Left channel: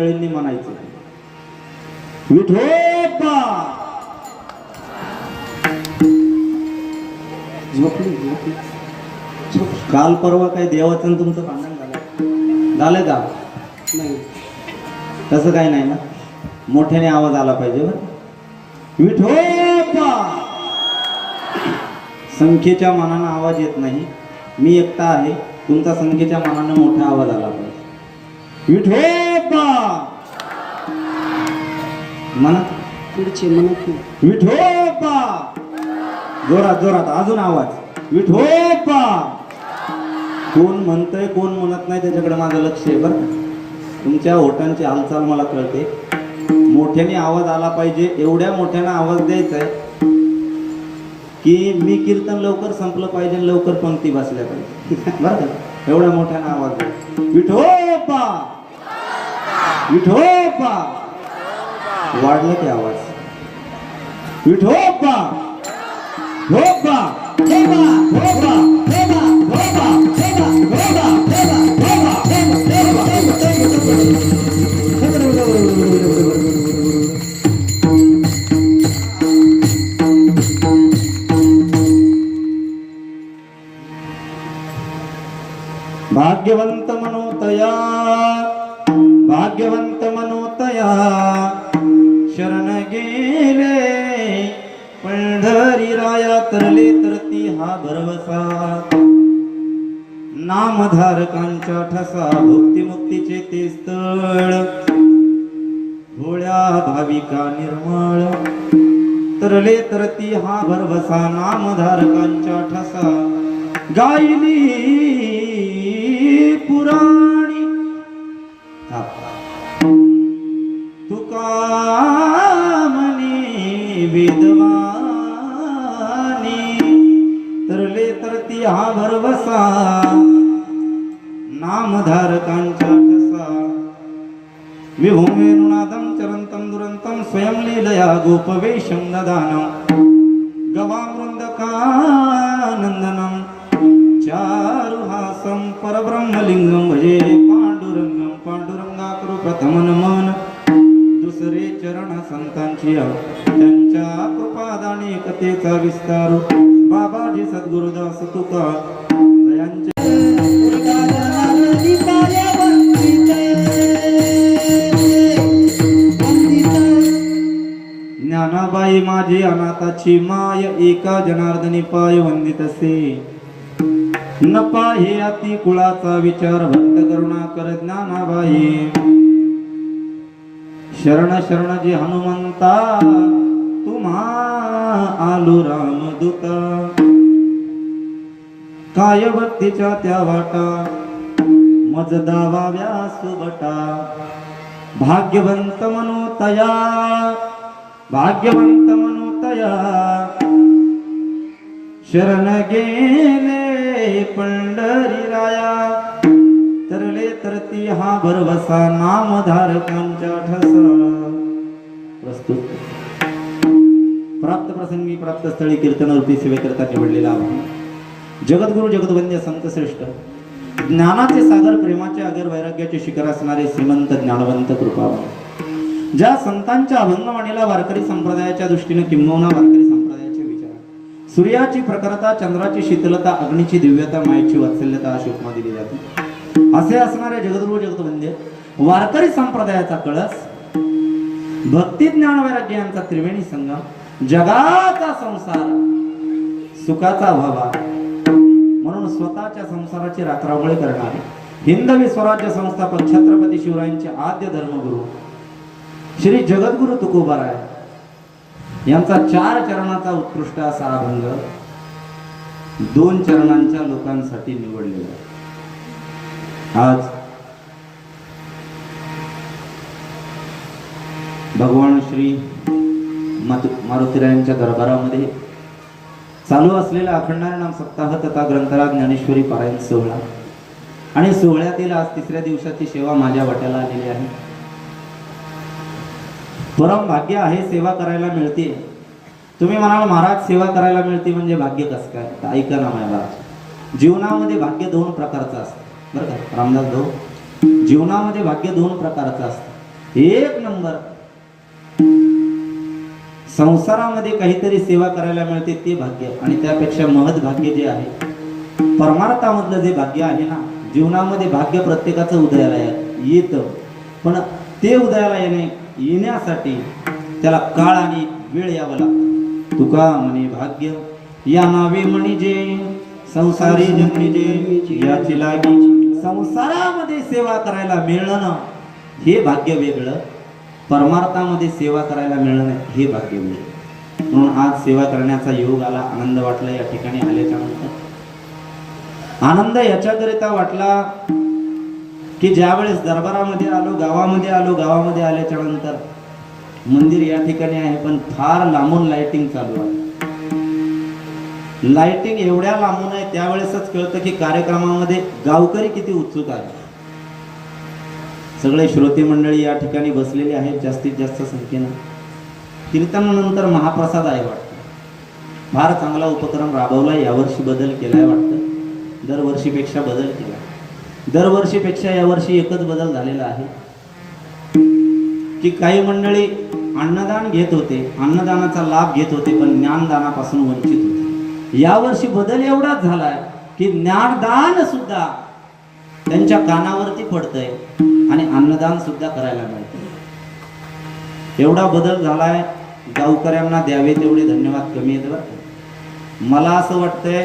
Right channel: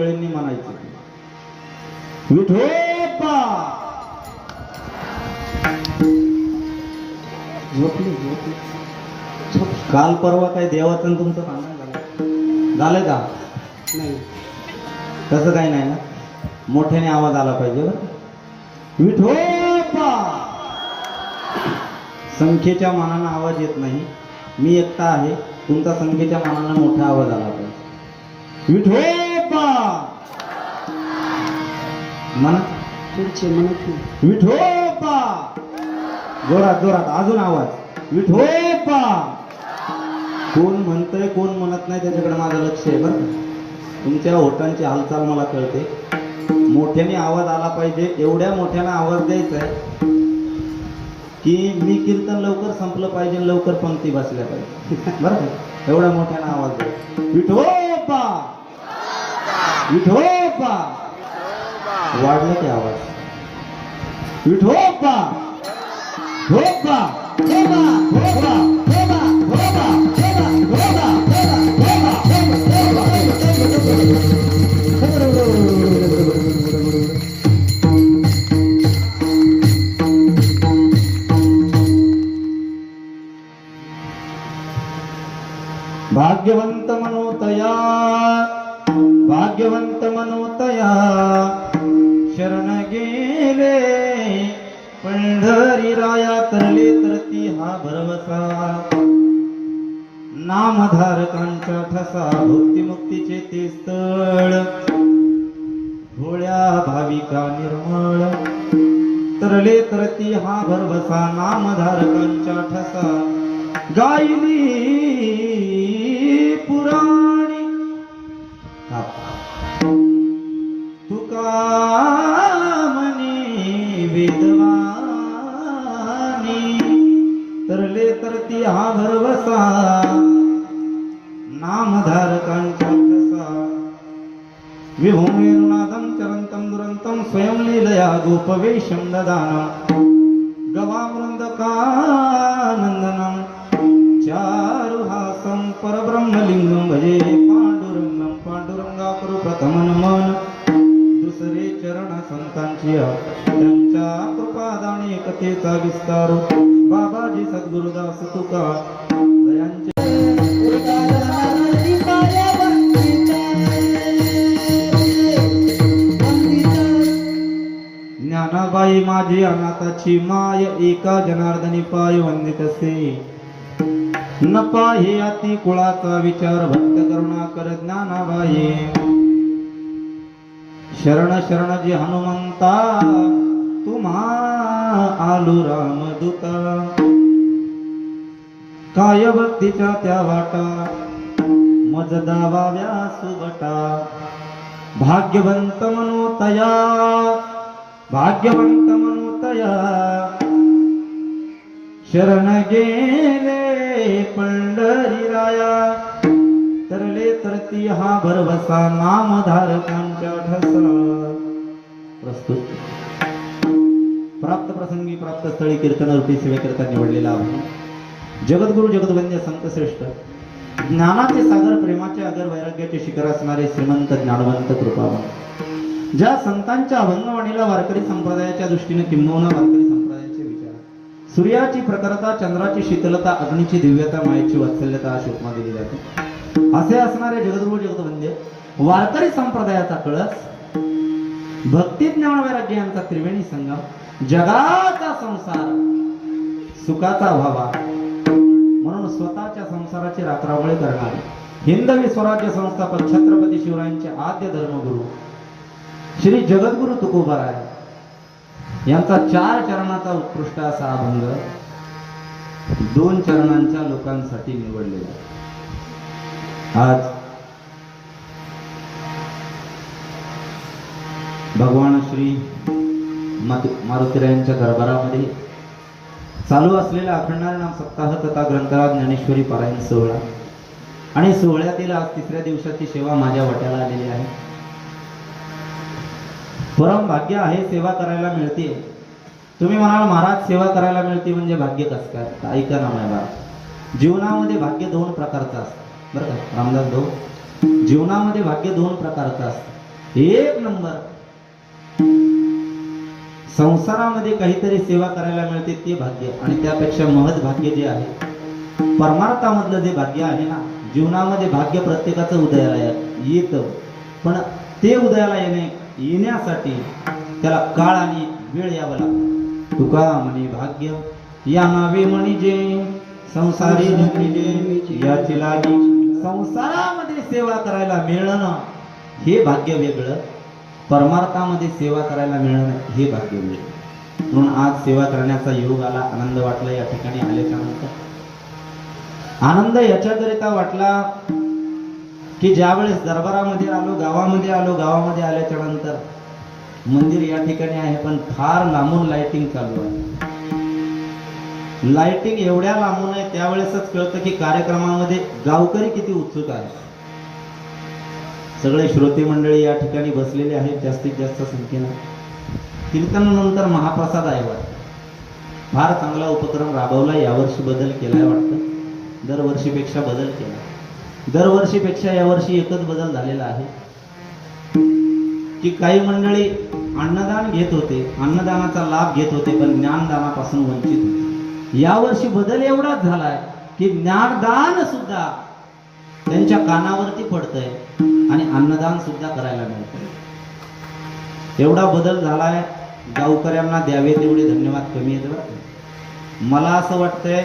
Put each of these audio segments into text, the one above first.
मंडळींनी म्हणायचे विठोबा. झोपली झोपली. काल परवा काय देवाचं आणि तुमचं भांडण झालं का? नाही, तसं काही नाही ना. मोठ्याने आवाज आला पाहिजे बरं. विठोबा. संख्येच्या मानानं आवाज येत नाही. मी एकटा आहे, तुमचा संख्येच्या मानानं मोठा आवाज आला पाहिजे. विठोबा म्हणा. पुढचे म्हणा विठोबा. जोरात जोरात अजून आवाज. विठोबा. कोण म्हणतंय कोण म्हणत नाही त्याच्याकडे माझं लक्ष आहे बरं. तुमच्या ओठांची हालचाल मला कळते. मोठ्याने आवाज आला पाहिजे. एवढ्या मोठ्यानं आवाज द्यायचा आहे की मी कीर्तन लवकर संपलं पाहिजे, लवकर पंक्ती बसल्या पाहिजे बरं का. एवढ्या मोठ्यानं आवाज द्या. विठोबा विठोबा. वाढलं ते आवाज. विठोबा विठोबा. भाग्यवंत मनोतया भाग्यवंत मनोतया शरण गेले पंढरी राया. तरले तरती हा भरवसा नामधारकांच्या ठसा. भक्तिमुक्तीचे ते स्थळ भोळ्या भाविका निर्मळ. तरले तरती हा भरवसा नामधारकांच्या ठसा. गायली पुराणी तुका म्हणे वेदवाणी. तरले तरती हा भरवसा नामधारकांच्या ठसा. विभूमेरुनादं चरंतं दुरंतं स्वयं लीलया गोपवेशं ददानं. गवामृंदकानंदनं चारुहासं परब्रह्मलिंगं भजे पांडुरंगं. पांडुरंगाकरू प्रथम नमन. दुसरे चरण संतांची त्यांच्या कृपादानी एकतेचा विस्तार. बाबाजी सद्गुरुदास तुका यांचे. ज्ञानाबाई माझी अनाथाची माय. एका जनार्दनी पाय वंदितसे. न पाहे अति कुळाचा विचार. भक्त करुणा कर ज्ञानाबाई. शरण शरण जे हनुमंता तुम्हा आलू रामदूता. काय भक्तीच्या त्या वाटा मज दावाव्या सुबटा. भाग्यवंत मनोतया भाग्यवंत मनोतया शरण गेले पंढरी राया. तरले तरती हा भरवसा नामधारकांच्या ठसा. प्रस्तुत प्राप्त प्रसंगी प्राप्त स्थळी कीर्तनरूपी सेवेकरता निवडलेला जगद्गुरु जगद्वंद्य संत श्रेष्ठ ज्ञानाचे सागर प्रेमाचे आगर वैराग्याचे शिखर असणारे श्रीमंत ज्ञानवंत कृपावान. ज्या संतांच्या अभंगवाणीला वारकरी संप्रदायाच्या दृष्टीने किंबहुना वारकरी संप्रदायाचे विचार. सूर्याची प्रखरता, चंद्राची शीतलता, अग्नीची दिव्यता, मायेची वात्सल्यता अशी उपमा दिली जाते. असे असणारे जगद्गुरु जगद्वंद्य वारकरी संप्रदायाचा कळस भक्ती ज्ञान वैराग्य यांचा त्रिवेणी संगम. जगाचा संसार सुखाचा व्हावा म्हणून स्वतःच्या संसाराची राखरावळ करणारे हिंदवी स्वराज्य संस्थापक छत्रपती शिवरायांचे आद्य धर्मगुरु श्री जगद्गुरु तुकोबाराय यांचा 4 चरणाचा उत्कृष्ट असा अभंग 2 चरणांच्या लोकांसाठी निवडलेला. आज भगवान श्री मारुतीरायांच्या दरबारामध्ये चालू असलेला अखंडारनाम सप्ताह तथा ग्रंथराज ज्ञानेश्वरी पारायण सोहळा आणि सोहळ्यातील आज 3ऱ्या दिवसाची सेवा माझ्या वाट्याला आलेली आहे. परम भाग्य आहे, सेवा करायला मिळते. तुम्ही म्हणाल महाराज सेवा करायला मिळते म्हणजे भाग्य कसं काय? तर ऐका ना माझ्या बाळा, जीवनामध्ये भाग्य 2 प्रकारचं असतं बरं का रामदास भाऊ. जीवनामध्ये भाग्य 2 प्रकारचं असतं. एक नंबर. संसारामध्ये काहीतरी सेवा करायला मिळते ते भाग्य, आणि त्यापेक्षा महत् भाग्य जे आहे परमार्थामधलं जे भाग्य आहे ना. जीवनामध्ये भाग्य प्रत्येकाचं उदयाला येतं, पण ते उदयाला येण्यासाठी त्याला काळ आणि वेळ यावं लागतं. तुका म्हणे भाग्य या नावे म्हणजे संसारी जन्मिले याची लागी. संसारामध्ये सेवा करायला मिळणं हे भाग्य वेगळं, परमार्थामध्ये सेवा करायला मिळणं हे भाग्य वेगळं. म्हणून आज सेवा करण्याचा योग आला, आनंद वाटला. या ठिकाणी आल्याच्या नंतर आनंद याच्याकरिता वाटला की ज्या वेळेस दरबारामध्ये आलो, गावामध्ये आल्याच्या नंतर मंदिर या ठिकाणी आहे, पण फार लांबून लाइटिंग चालू आहे. लाइटिंग एवढ्या लांबून आहे, त्यावेळेसच कळतं की कार्यक्रमामध्ये गावकरी किती उत्सुक आहे. सगळे श्रोते मंडळी या ठिकाणी बसलेले आहेत जास्तीत जास्त संख्येनं. कीर्तनानंतर महाप्रसाद आहे वाटतं. फार चांगला उपक्रम राबवला. यावर्षी बदल केलाय वाटतं, दरवर्षीपेक्षा बदल केला. दरवर्षीपेक्षा यावर्षी एकच बदल झालेला आहे की काही मंडळी अन्नदान घेत होते, अन्नदानाचा लाभ घेत होते, पण ज्ञानदानापासून वंचित होते. यावर्षी बदल एवढाच झालाय की ज्ञानदान सुद्धा त्यांच्या कानावरती पडतंय आणि अन्नदान सुद्धा करायला मिळतंय. एवढा बदल झालाय. गावकऱ्यांना द्यावे तेवढे धन्यवाद कमी आहेत बरं. मला असं वाटतंय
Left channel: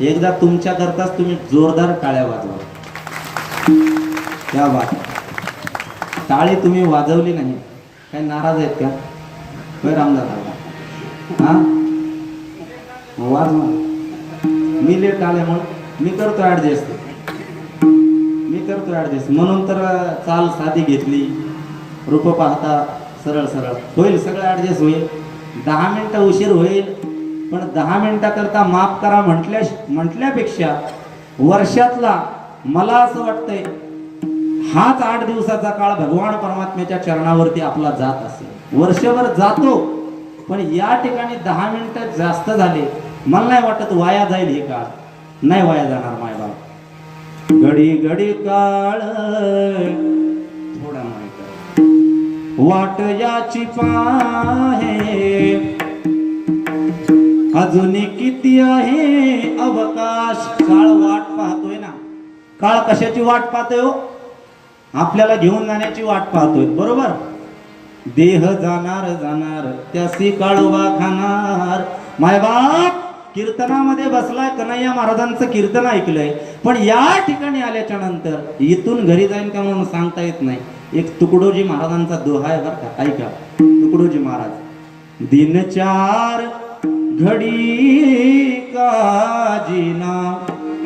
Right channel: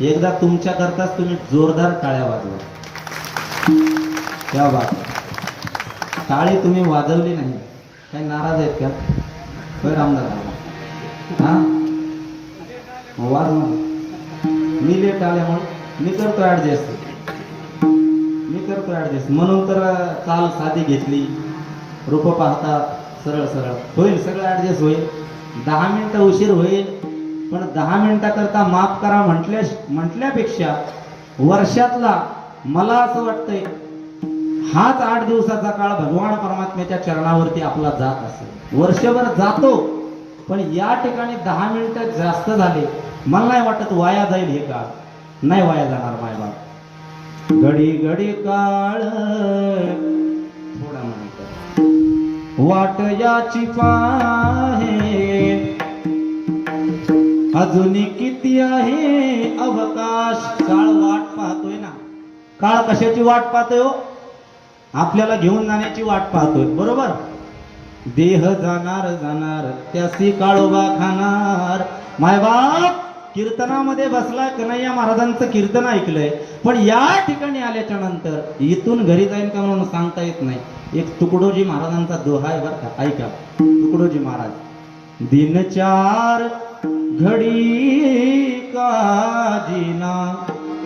एकदा तुमच्या करताच तुम्ही जोरदार टाळ्या वाजवा. त्या बात टाळी तुम्ही वाजवली नाही, काही नाराज आहेत का? होय रामदास हा वाज. मी लेट आल्यामुळे मी करतो ॲडजस्ट, म्हणून तर चाल साधी घेतली. रूप पाहता सरळ सरळ होईल, सगळं ॲडजस्ट होईल. 10 मिनिटं उशीर होईल, पण 10 मिनिटाकरता माफ करा म्हटल्यापेक्षा वर्षातला मला असं वाटतंय हाच 8 दिवसाचा काळ भगवान परमात्म्याच्या चरणावरती आपला जात असेल. वर्षभर जातो, पण या ठिकाणी 10 मिनिटं जास्त झाले, मला नाही वाटत वाया जाईल. हे काळ नाही वाया जाणार माझ्या. घडी घडी काळ थोडा माहित वाट याची पाहे, अजून किती आहे अवकाश. काळ वाट पाहतोय ना. काळ कशाची वाट पाहतोय हो? आपल्याला घेऊन जाण्याची वाट पाहतोय, बरोबर. देह जाणार जाणार त्यासी काळोबा खाणार. मायबाप कीर्तनामध्ये बसलाय, कन्हैया महाराजांचं कीर्तन ऐकलंय, पण या ठिकाणी आल्याच्या नंतर इथून घरी जाईन का म्हणून सांगता येत नाही. एक तुकडोजी महाराजांचा दोहा आहे बरं का, ऐका. तुकडोजी महाराज. दिन 4 घडी का जीना,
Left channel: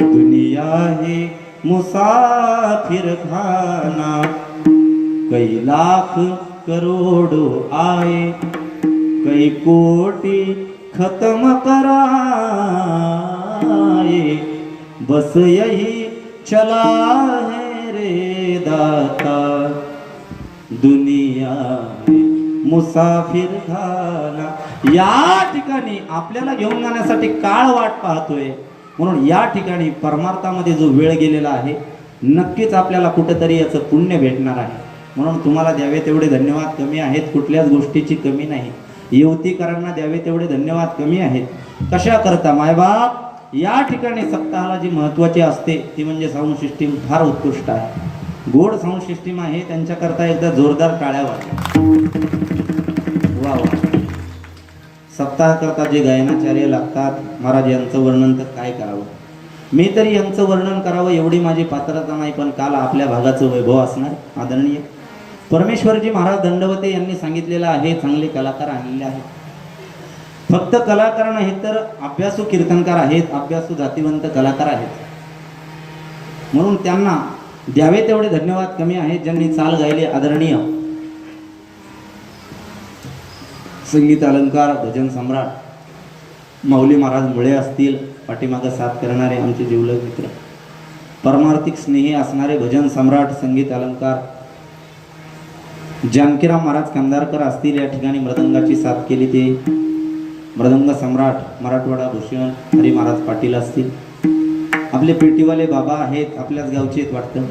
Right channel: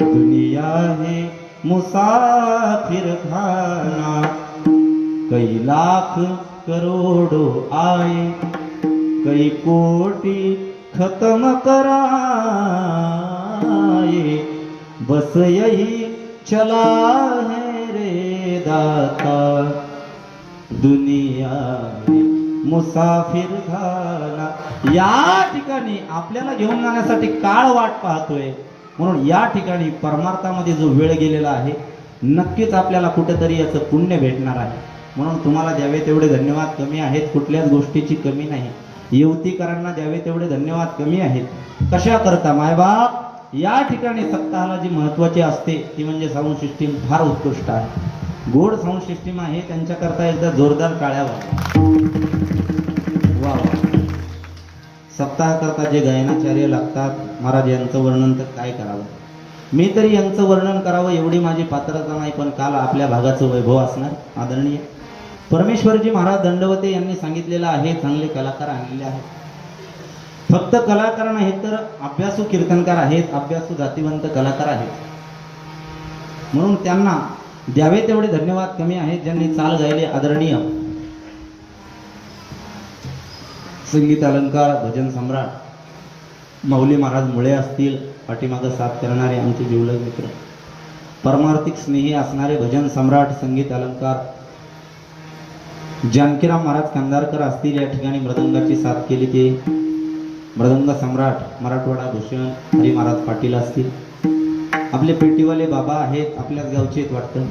दुनिया है मुसाफिर खाना. कई लाख करोड़ो आए, कई कोटी खत्म कराए, बस यही चला है रे दाता, दुनिया मुसाफिर खाना. या ठिकाणी आपल्याला घेऊन जाण्यासाठी काळ वाट पाहतोय, म्हणून या ठिकाणी परमार्थामध्ये जो वेळ गेलेला आहे नक्कीच आपल्याला कुठेतरी याचं पुण्य भेटणार आहे. म्हणून तुम्हाला द्यावे तेवढे धन्यवाद कमी आहेत, कुठल्याच गोष्टीची कमी नाही. युवतीकरांना द्यावे तेवढे धन्यवाद कमी आहेत. कशा करता मायबाप, या ठिकाणी सप्ताहाला जी महत्त्वाची असते ती म्हणजे साऊंड सिस्टीम फार उत्कृष्ट आहे. गोड साऊंड सिस्टीम आहे, त्यांच्याकरता एकदा जोरदार टाळ्या वाजवा. वा वा. सप्ताहाकरता जे गायनाचार्य लागतात, महाराज यांचं वर्णन तर काय करावं. मी तरी यांचं वर्णन करावं एवढी माझी पात्रता नाही, पण काल आपल्या भागाचं वैभव असणार आदरणीय परमेश्वरजी महाराज दंडवते यांनी सांगितलेलं आहे, चांगले कलाकार आणलेले आहेत. फक्त कलाकार नाहीत तर अभ्यासू कीर्तनकार आहेत, अभ्यासू जातीवंत कलाकार आहेत. म्हणून त्यांना द्यावे तेवढे धन्यवाद कमी आहेत, ज्यांनी चाल गायले. आदरणीय संगीत अलंकार भजन सम्राट माऊली महाराज मुळे असतील, पाठीमागं साथ करणारे आमचे जिवलग मित्र, परमार्थिक स्नेही असणारे भजन सम्राट संगीत अलंकार जानकीराम महाराज कंधारकर असतील. या ठिकाणी मृदंगाची साथ केली ते मृदंग सम्राट मराठवाडा भूषण हरी महाराज पाटील असतील. आपले पेटीवाले बाबा आहेत, आपल्याच गावचे आहेत वाटतं.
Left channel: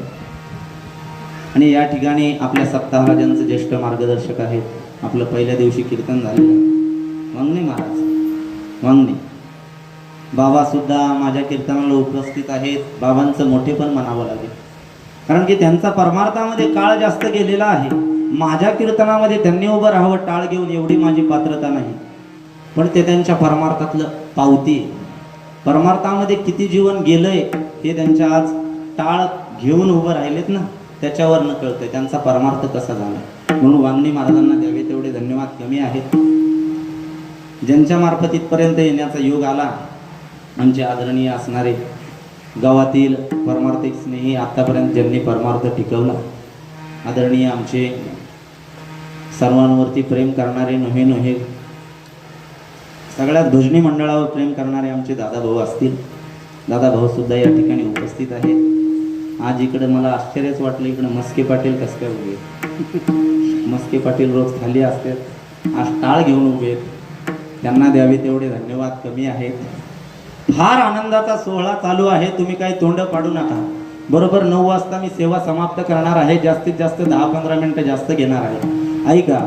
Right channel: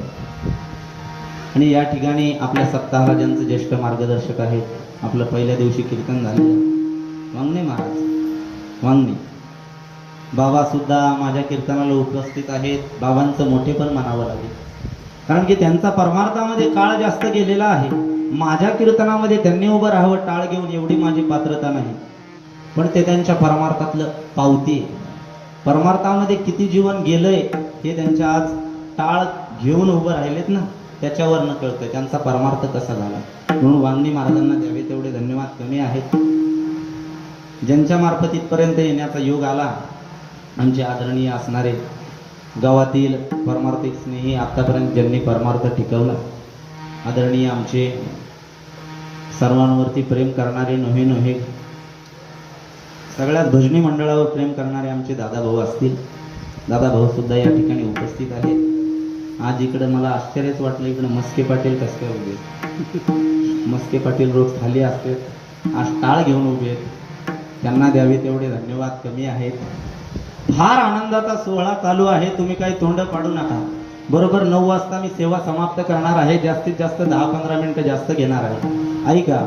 आणि या ठिकाणी आपल्या सप्ताहराजांचे ज्येष्ठ मार्गदर्शक आहेत. आपलं पहिल्या दिवशी कीर्तन झालेलं वांगणे महाराज वांगणे बाबा सुद्धा माझ्या कीर्तनाला उपस्थित आहेत. बाबांचं मोठेपण म्हणावं लागेल, कारण की त्यांचा परमार्थामध्ये काळ जास्त गेलेला आहे. माझ्या कीर्तनामध्ये त्यांनी उभं राहावं टाळ घेऊन एवढी माझी पात्रता नाही, पण ते त्यांच्या परमार्थातलं पावती. परमार्थामध्ये किती जीवन गेलंय हे त्यांच्या आज टाळ घेऊन उभं राहिलेत ना, त्याच्यावरनं कळतंय त्यांचा परमार्थ कसा झाला. म्हणून वांगणी महाराजांना द्यावे तेवढे धन्यवाद कमी आहेत. ज्यांच्या मार्फत इथपर्यंत येण्याचा योग आला, आमचे आदरणीय असणारे गावातील परमार्थिक स्नेही, आतापर्यंत ज्यांनी परमार्थ टिकवला, आदरणीय आमचे सर्वांवरती प्रेम करणारे नव्हे नव्हे सगळ्यात भजनी मंडळावर प्रेम करणारे आमचे दादाभाऊ असतील. दादाभाऊ सुद्धा या ठिकाणी उपस्थित आहेत. आज इकडे मला आश्चर्यच वाटलं, इकडे मस्के पाटील कस काय उभे. मस्के पाटील रोज खाली असतात, आज टाळ घेऊन उभे. त्यांना द्यावे तेवढे धन्यवाद कमी आहेत. फार आनंदाचा सोहळा चालू आहे, तुम्ही काही तोंड पाडू नका. बरोबर 9 वाजता मी सेवा समाप्त करणार आहे. जास्तीत जास्त 10-15 मिनिटं जास्त घेणार आहे. ऐका.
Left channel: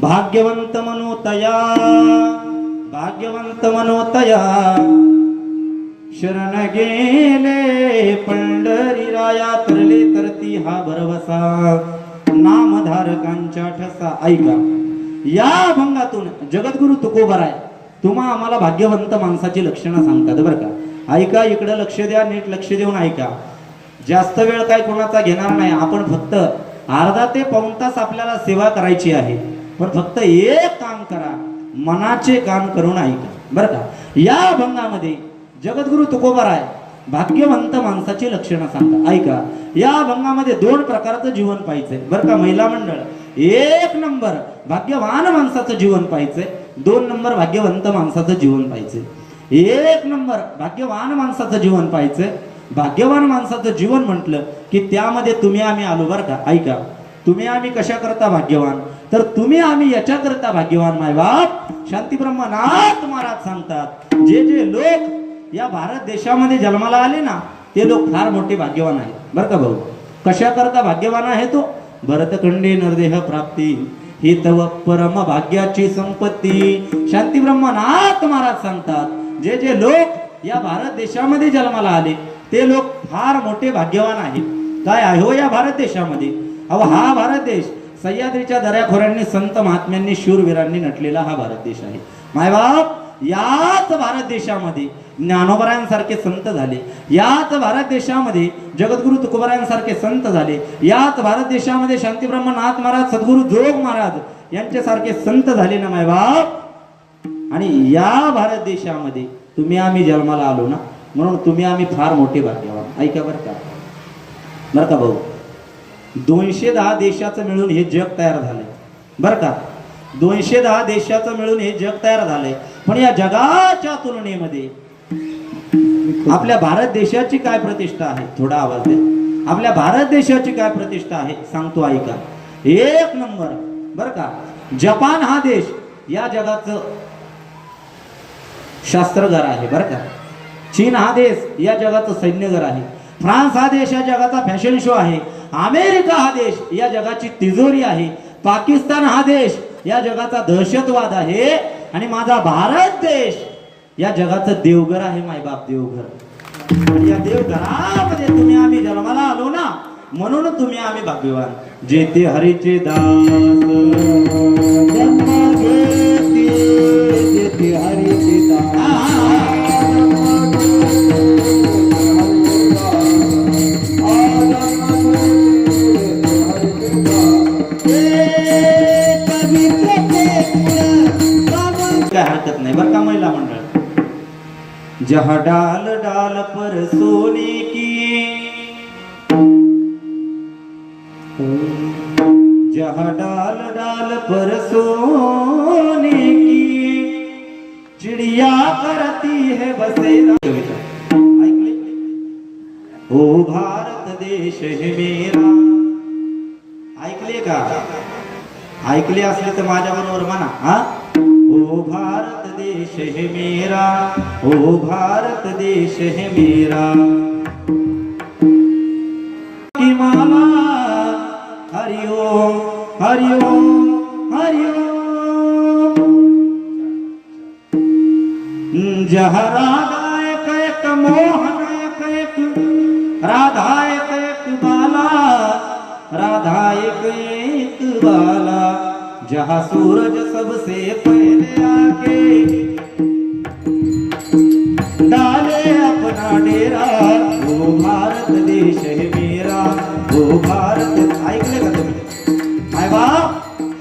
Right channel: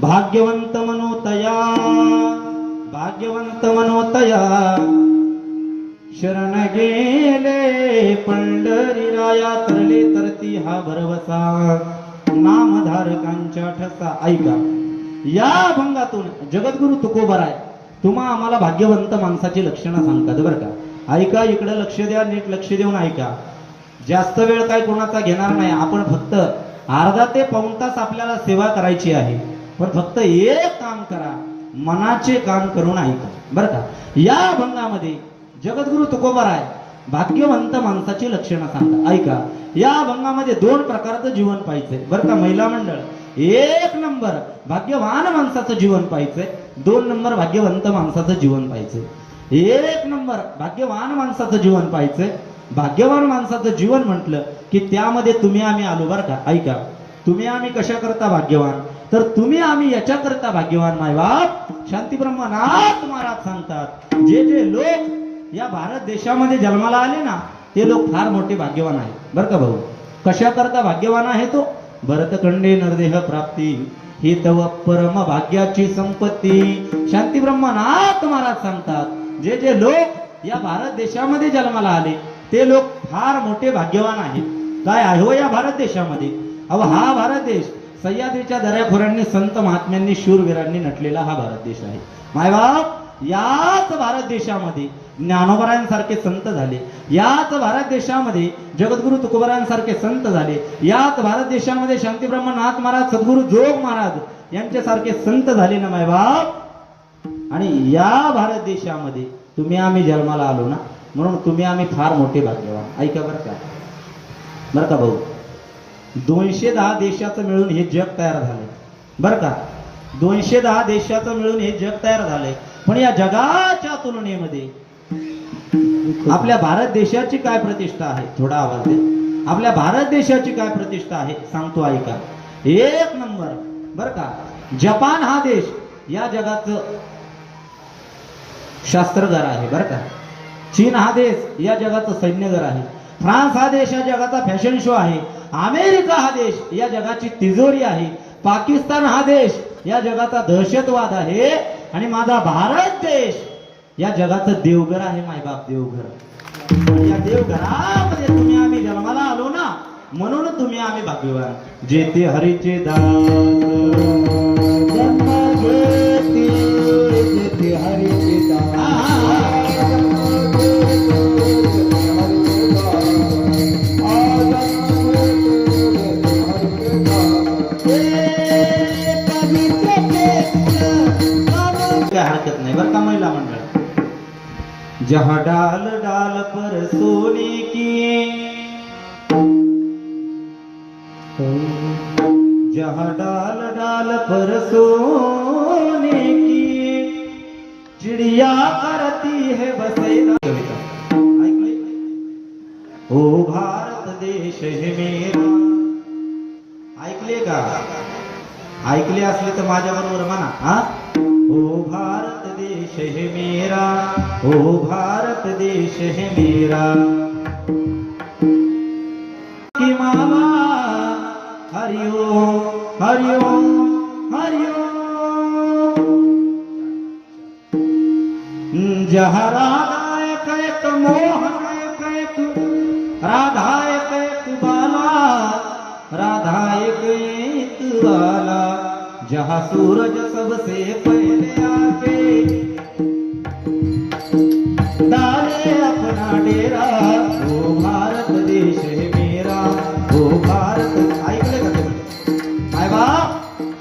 भाग्यवंत मनोतया भाग्यवंत मनोतया शरण गेले पंढरीराया, तरले तरती हा भरवसा नामधारकांच्या ठसा. ऐका. या अभंगातून जगद्गुरु तुकोबाराय तुम्हा आम्हाला भाग्यवंत माणसाची लक्षणं सांगतात बरं का. ऐका, इकडे लक्ष द्या, नीट लक्ष देऊन ऐका. जास्त वेळ काय कोणाचा घेणार नाही. आपण फक्त अर्धा ते पाऊण तास आपल्याला सेवा करायची आहे, पण फक्त एक काम करा, मनाचे काम करून ऐका बरं का. या अभंगामध्ये जगद्गुरु तुकोबाराय भाग्यवंत माणसाची लक्षणं सांगतात. ऐका. या अभंगामध्ये 2 प्रकारचं जीवन पाहिजे बरं का. महिला मंडळ, 1 नंबर भाग्यवान माणसाचं जीवन पाहिजे, 2 नंबर भाग्यवंत माणसाचं जीवन पाहिजे. 1 नंबर भाग्यवान माणसाचं जीवन पाहिजे. भाग्यवान माणसाचं जीवन म्हटलं की त्यामध्ये तुम्ही आम्ही आलो बरं का. ऐका. तुम्ही आम्ही कशा करता भाग्यवान, तर तुम्ही आम्ही याच्या करता भाग्यवान. मायबाप शांतीब्रह्मनाथ महाराज सांगतात, जे जे लोक या भारत देशामध्ये जन्माला आले ना, ते लोक फार मोठे भाग्यवान आहेत बरं का भाऊ. कशा करता भाग्यवान आहे तो, भरतखंडे नरदेह प्राप्ती ही तव परम भाग्याची संपत्ती. शांतीब्रह्मनाथ महाराज सांगतात, जे जे लोक या भारत देशामध्ये जन्माला आले ते लोक फार मोठे भाग्यवान आहेत. काय आहे हो या भारत देशामध्ये. अहो हा भारत देश सह्याद्रीच्या दऱ्याखोऱ्यांनी, संत महात्म्यांनी, शूरवीरांनी नटलेला हा भारत देश आहे. मायबाप, याच भारत देशामध्ये ज्ञानोबरायांसारखे संत झाले. याच भारत देशामध्ये जगद्गुरु तुकोबारायांसारखे संत झाले. याच भारत देशामध्ये शांतीब्रह्मनाथ महाराज, सद्गुरु जोग महाराज यांच्यासारखे संत झाले ना मायबाप. आणि या भारत देशामध्ये तुम्ही आम्ही जन्माला आलो ना, म्हणून तुम्ही आम्ही फार मोठे भाग्यवान. ऐका बरं का. बरं का भाऊ, 210 देशाचं मिळून हे जग तयार झालंय बरं का. 210 देशाचं मिळून हे जग तयार झालंय. पण या जगाच्या तुलनेमध्ये आपल्या भारत देशाची काय प्रतिष्ठा आहे, थोडा आवाज दे. आपल्या भारत देशाची काय प्रतिष्ठा आहे सांगतो ऐका. 1 नंबर बरं का. जपान हा देश या जगाचं शास्त्रगार आहे बरं का. चीन हा देश या जगाचं सैन्यगार आहे. फ्रान्स हा देश या जगाचा फॅशन शो आहे. अमेरिका हा देश या जगाची तिजोरी आहे. पाकिस्तान हा देश या जगाचा दहशतवाद आहे. आणि माझा भारत देश या जगाचं देवघर आहे मायबाप, देवघर. या देवघरामध्ये तुम्ही आम्ही जन्माला आलो ना, म्हणून तुम्ही आम्ही भाग्यवान. जेते हरीचे दास जन्म घेती, जेते हरीचे दास हरकत नाही बरं का. महिला मंडळ, जहाँ डाल डाल पर सोने की, जहाँ डाल डाल पर सोने की चिड़िया करती है बसेरा. ऐकले. ओ भारत देश है मेरा. ऐकले का. ऐकले असले तर माझ्या बरोबर म्हणा. हा. ओ भारत देश है मेरा, ओ भारत देश है मेरा. की माला हरि ओम हरि ओम। जहाँ राधा एक एक मोहन एक एक राधा एक एक बाला राधा एक एक बाला जहाँ सूरज सबसे पहले आके डाले अपना डेरा वो भारत देश है मेरा वो भारत। ऐकले का तुम्ही माय बाप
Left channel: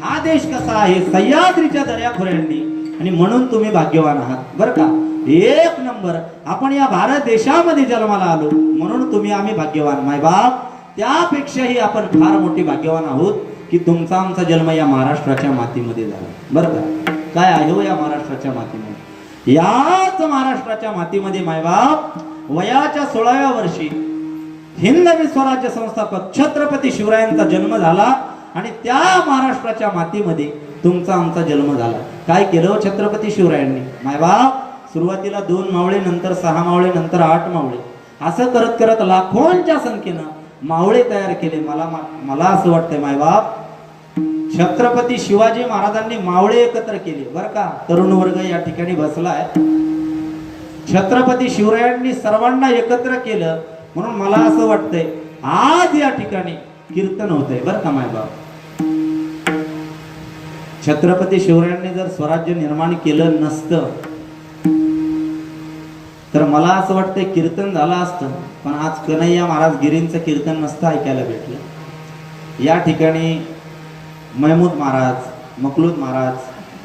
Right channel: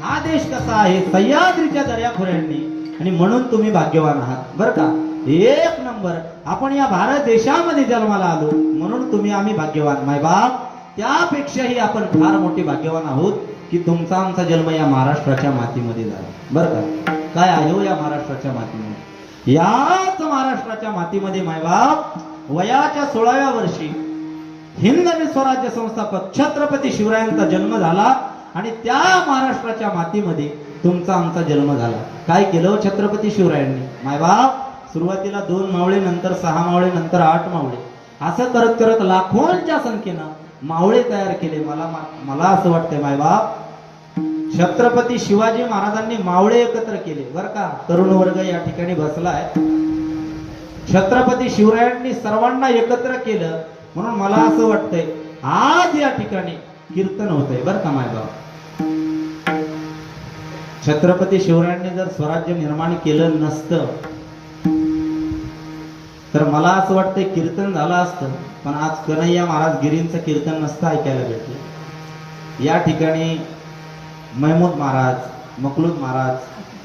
हा देश कसा आहे सह्याद्रीच्या दर्याखोऱ्यांनी आणि म्हणून तुम्ही भाग्यवान आहात बरं का। एक नंबर आपण या भारत देशामध्ये जन्माला आलो म्हणून तुम्ही आम्ही भाग्यवान माय बाप। त्यापेक्षाही आपण फार मोठी भाग्यवान आहोत की तुमचा आमचा जन्म या महाराष्ट्राच्या मातीमध्ये झाला बरं का। काय आहे हो या महाराष्ट्राच्या मातीमध्ये, याच महाराष्ट्राच्या मातीमध्ये मायबाप वयाच्या 16व्या वर्षी हिंदवी स्वराज्य संस्थापक छत्रपती शिवरायांचा जन्म झाला आणि त्या महाराष्ट्राच्या मातीमध्ये तुमचा आमचा जन्म झाला। काय केलं छत्रपती शिवरायांनी मायबाप, सुरुवातीला 2 मावळे नंतर 6 मावळे नंतर 8 मावळे असं करत करत लाखोंच्या संख्येनं मावळे तयार केले। मला असं वाटतंय मायबाप छत्रपती शिवाजी महाराजांनी मावळे एकत्र केले बरं का। तरुण वर्ग या ठिकाणी बसलाय, छत्रपती शिवरायांनी सर्वांना एकत्र केलं म्हणून मला असं वाटतंय आज या ठिकाणी कीर्तन होतंय बरं का मायबाप। छत्रपती शिवरायांनी जर स्वराज्य निर्माण केलं नसतं तर मला असं वाटतंय कीर्तन झालं असतं, पण आज कन्हैया महाराज गिरींचं कीर्तन नसतं ऐकायला भेटलं। या ठिकाणी महमूद महाराज, मखलूद महाराज,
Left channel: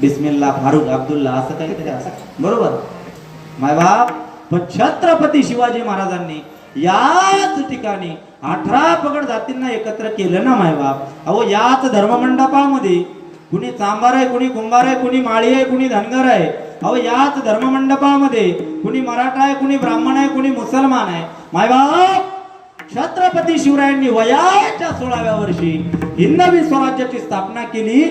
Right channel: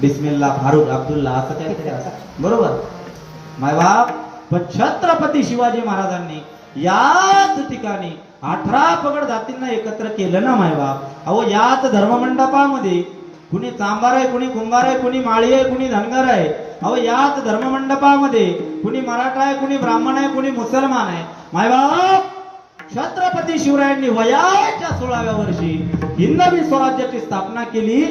बिस्मिल्ला, फारुख, अब्दुल्ला असं काहीतरी असं बरोबर मायबाप। पण छत्रपती शिवाजी महाराजांनी याच ठिकाणी 18 पगड जातींना एकत्र केलं ना मायबाप। अहो याच धर्ममंडपामध्ये कुणी चांभार आहे, कुणी कुंभार आहे, कुणी माळी आहे, कुणी धनगर आहे। अहो याच धर्ममंडपामध्ये कुणी मराठा आहे, कुणी ब्राह्मण आहे, कुणी मुसलमान आहे मायबाप। छत्रपती शिवरायांनी वयाच्या 16व्या वर्षी हिंदवी स्वराज्याची स्थापना केली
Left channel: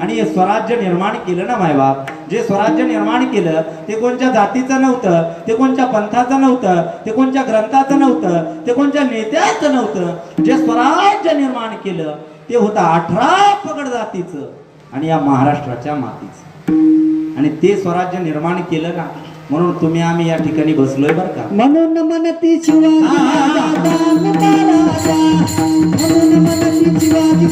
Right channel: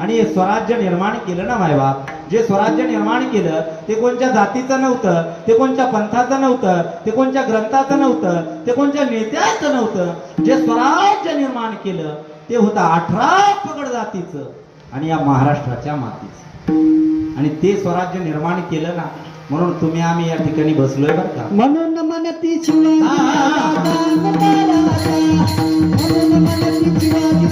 आणि हे स्वराज्य निर्माण केलं ना मायबाप। जे स्वराज्य निर्माण केलं ते कोणत्या जातीचं नव्हतं, ते कोणत्या पंथाचं नव्हतं, ते कोणत्या ग्रंथाचं नव्हतं, ते कोणत्या नेत्याचं नव्हतं। जे स्वराज्य निर्माण केलं ते होतं 18 पगड जातीचं आणि या महाराष्ट्राच्या मातीचं, आणि ते स्वराज्य निर्माण केलं ना म्हणून तुम्ही आम्ही या ठिकाणी बसलोय बरं का। म्हणून मनती शिवाजी महाराजा म्हणून मनती शिवाजी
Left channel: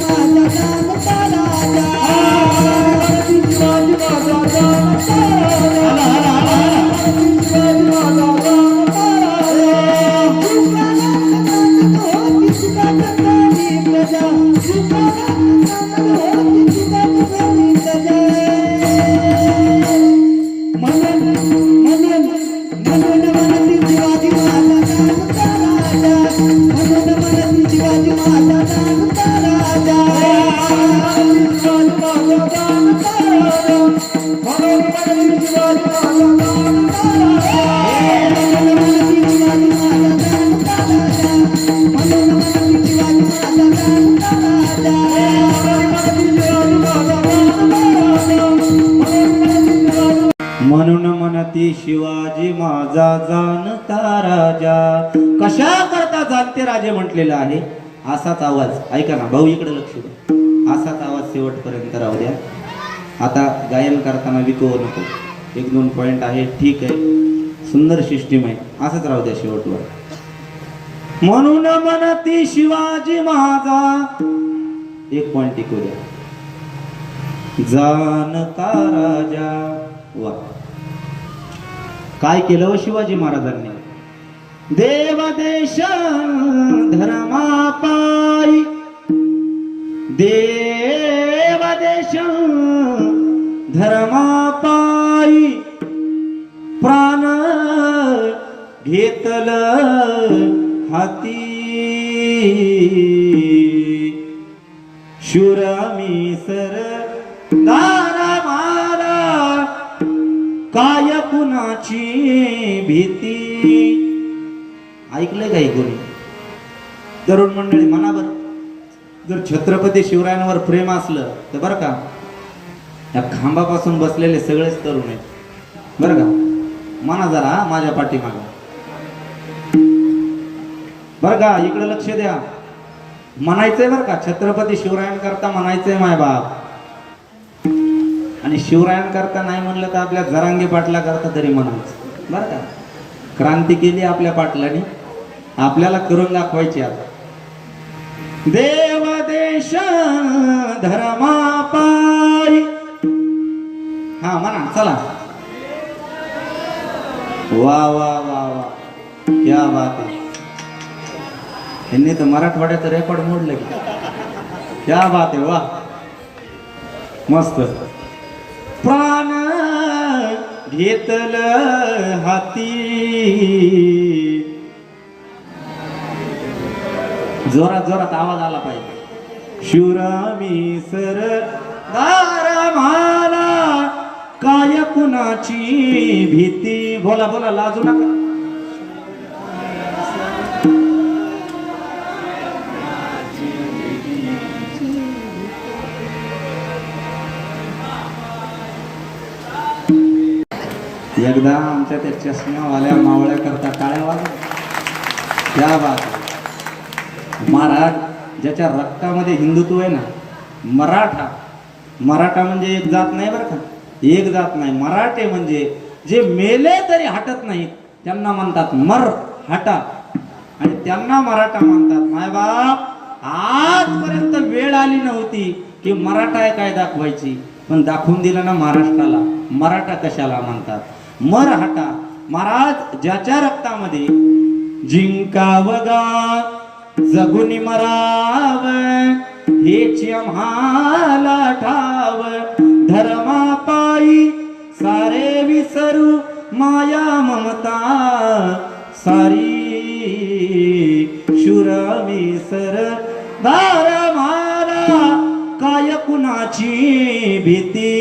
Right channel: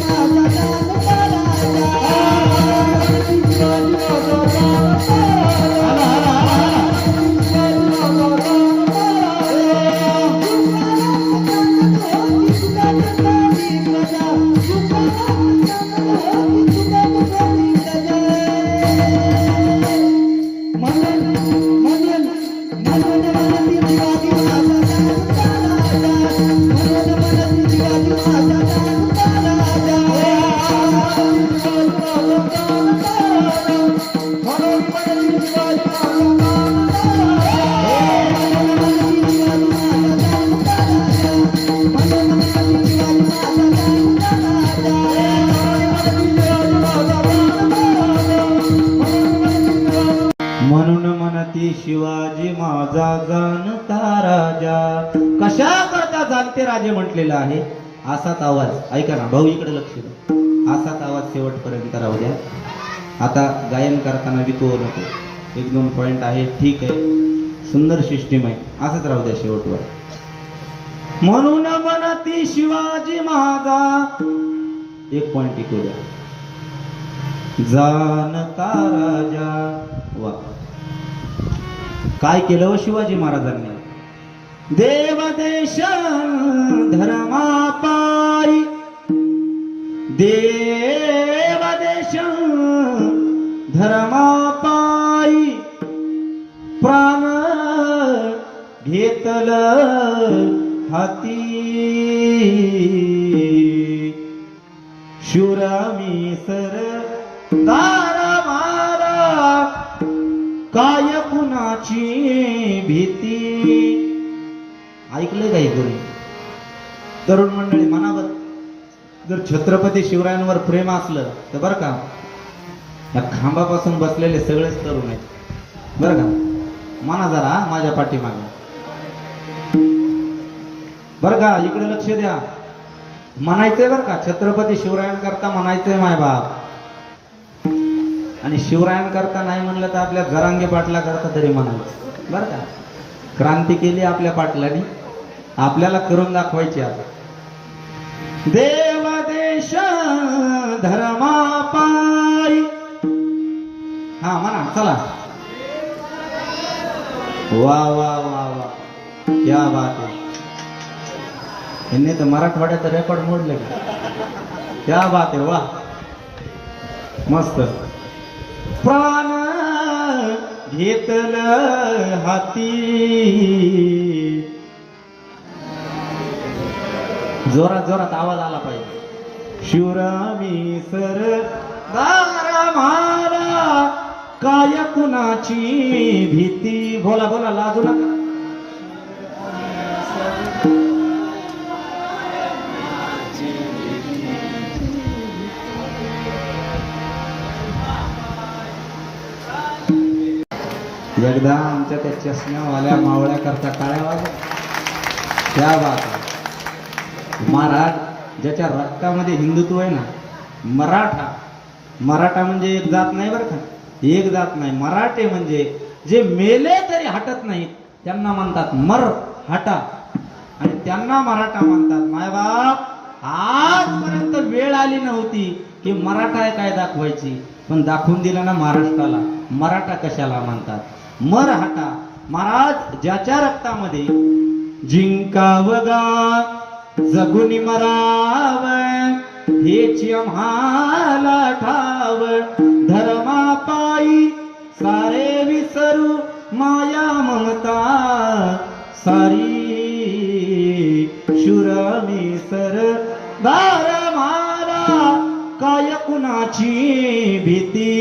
म्हणून म्हणती शिवाजी माझा जाणता राजा। कशा करता जाणते राजे म्हटलेलं आहे। असाच आवाज ऐका ना भाऊ, इकडे लक्ष द्या, असाच आवाज शेवटपर्यंत राहू द्या। आता गायन करताना विकवू नको, 1-2 पॉइंट आहे ठीक आहे, सुंदर सिस्टीम आहे, असंच राहू द्या शेवटवर। म्हणून म्हणती शिवाजी माझा 1 पॉइंट ऐकू द्या, जानता राजा। वा काय केलं शिवाजी महाराजांनी, देवदेश धर्मापायी देवदेश धर्मापायी प्राण घेतलं हाती शुरामी सरदार मारा काय कुणाची भीती। ऐकलंय काही कोणी तरुण मंडळी मनावर जर छत्रपती शिवरायांवर प्रेम असलं तर बरं का या खांबापासून बसलेले सगळेच तरुण आहेत बरं का। माना जरा माझ्या पाठीमागं बरं का, इकडे लक्ष द्या। म्हणायचंय बरं का, छत्रपती शिवरायांकरता म्हणायचंय मायबाप, आणि शिवरायांकरता नाही म्हणलं तर आपल्या जरांगे पाटला करता तरी म्हणायचं बरं का. क्रांती केली आपल्या पाटलाने, आपल्याला करून दाखवायची आता. देव देश धर्मा पायी, हा म्हणा चला. वा वा वा वा, क्या बात आहे. यांनी तर मराठवाड्याचं रेकॉर्ड मोडलं की. क्या बात आहे, वा मस्त. प्राण घेतल हाती, जोरात जोरात आवाज आला पाहिजे. शिवरामी सरदार मला काय कुणाची भीती. बोला बोला, लाजू नका. एकदा आमच्या त्या चष्म्यावाल्या मावळ्या करता टाळ्या वाजवा. त्या बात. महाराज ज्याच्या रक्तामध्ये हिंदुत्व आहे ना, मराठा, मराठा म्हणजे एक जात नाही बरं का, एक जात नाही. मराठे म्हणजे जे मेले तरी हटत नाहीत त्यांना म्हणतात मर हटा, आणि त्यांना मराठा म्हणतात. मायबाप आजपर्यंत वेळ आली नव्हती की मराठा काय दाखवायची, पण दाखवून दिलं ना महाराष्ट्राला. मराठा कशाला म्हणतात, मर हटा. महाराज ज्याच्या रक्तामध्ये जिंकावगा जगुन मराव, हेच आम्हाला ठाव. धर्मा पायी सारे विसरू माया ममता सारी. शुरमी सरदार मला काय कुणाची भीती.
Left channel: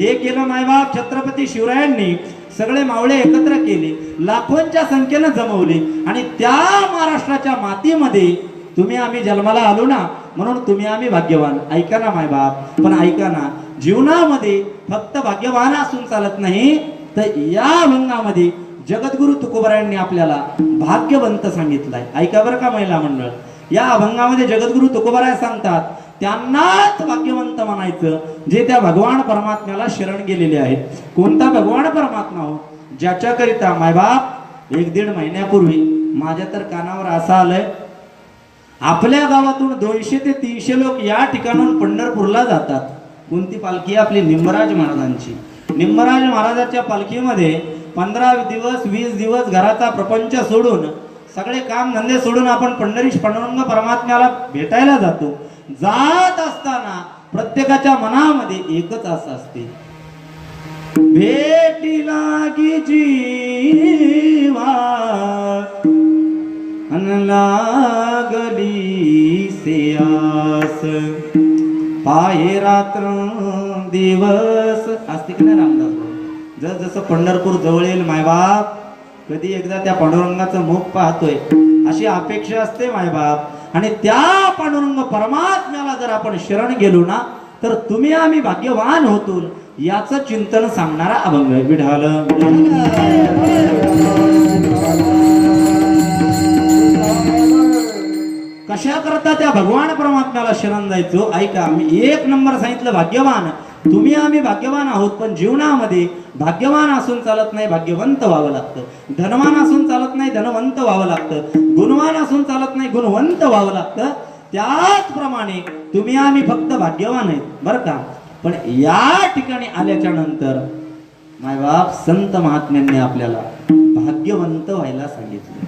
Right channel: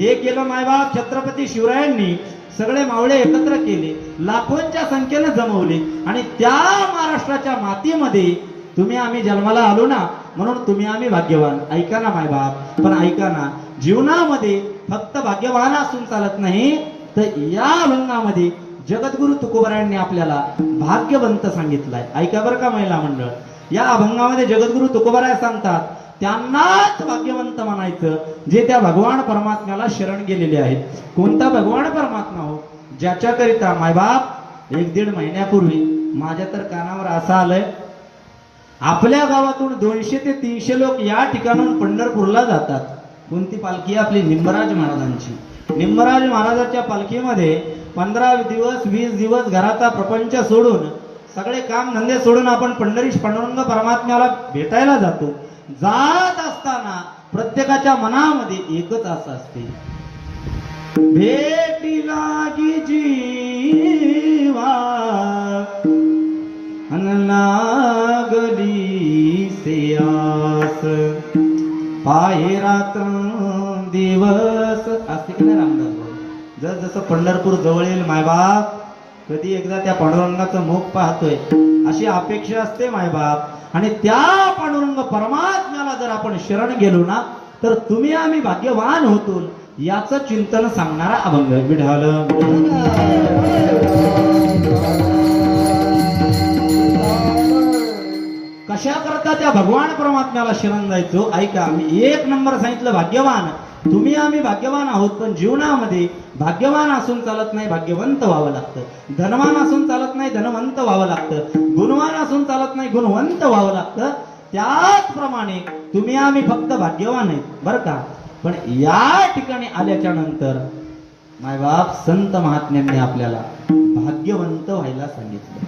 हे केलं मायबाप छत्रपती शिवरायांनी. सगळे मावळे एकत्र केले, लाखोंच्या संख्येनं जमवले, आणि त्या महाराष्ट्राच्या मातीमध्ये तुम्ही आम्ही जन्माला आलो ना, म्हणून तुम्ही आम्ही भाग्यवान. ऐका ना मायबाप, पण ऐका ना, जीवनामध्ये फक्त भाग्यवान असून चालत नाही, तर या अभंगामध्ये जगद्गुरु तुकोबरायांनी आपल्याला भाग्यवंत सांगितलंय. ऐका बरं का महिला मंडळ, या अभंगामध्ये जगद्गुरु तुकोबराय सांगतात त्यांनाच भाग्यवंत म्हणायचं जे त्या भगवान परमात्म्याला शरण गेलेले आहेत. कोणता भगवान परमात्मा हो, ज्याच्याकरिता मायबाप 1-1.5 महिन्यापूर्वी माझ्या तर कानावर असं आलंय, आपल्या गावातून 200 ते 300 लोक या ठिकाणाहून पंढरपूरला जातात. कोणती पालखी? आपली निंबराज महाराजांची. निंबराज महाराजांच्या पालखीमध्ये 15 दिवस 20 दिवस घराचा प्रपंच सोडून, सगळे काम धंदे सोडून आपण पंढरीश पांडुरंग परमात्म्याला भेटायला जातो. जात असताना प्रत्येकाच्या मनामध्ये एकच आशा असते, भेटी लागी जीवा अन लागली सेयास, पाये रात्र दिवस असते की नाही रामदास. जस जसं पंढरपूर जवळ येईल मायबाप, कधी एकदा त्या पांडुरंगाचं मुख पाहतोय अशी अपेक्षा असते मायबाप. आणि त्या पांडुरंग परमात्म्याला जर आपण शरण गेलो ना, तर तुम्ही आम्ही भाग्यवान होतो, याचं चिंतन सांगणारा अभंग. विढाल कशा करता त्या भगवान परमात्म्याला शरण जायचो. ऐका, मी 1 नंबर सांगितलं भाग्यवान. तुम्ही आम्ही भाग्यवान आहोत, पण जीवनामध्ये भाग्यवान असून चालत नाही, भाग्यवंत व्हावं लागतं. धनवान असून चालत नाही, धनवंत व्हावं लागतं. गुणवान असून चालत नाही, गुणवंत व्हावं लागतं. त्याचप्रमाणे तुम्ही आम्ही फक्त भाग्यवान आहेत बरं का. पण या ठिकाणी आल्याच्या नंतर मायबाप संत महात्म्यांनी आपल्याला भाग्यवंत व्हायला सांगितलं.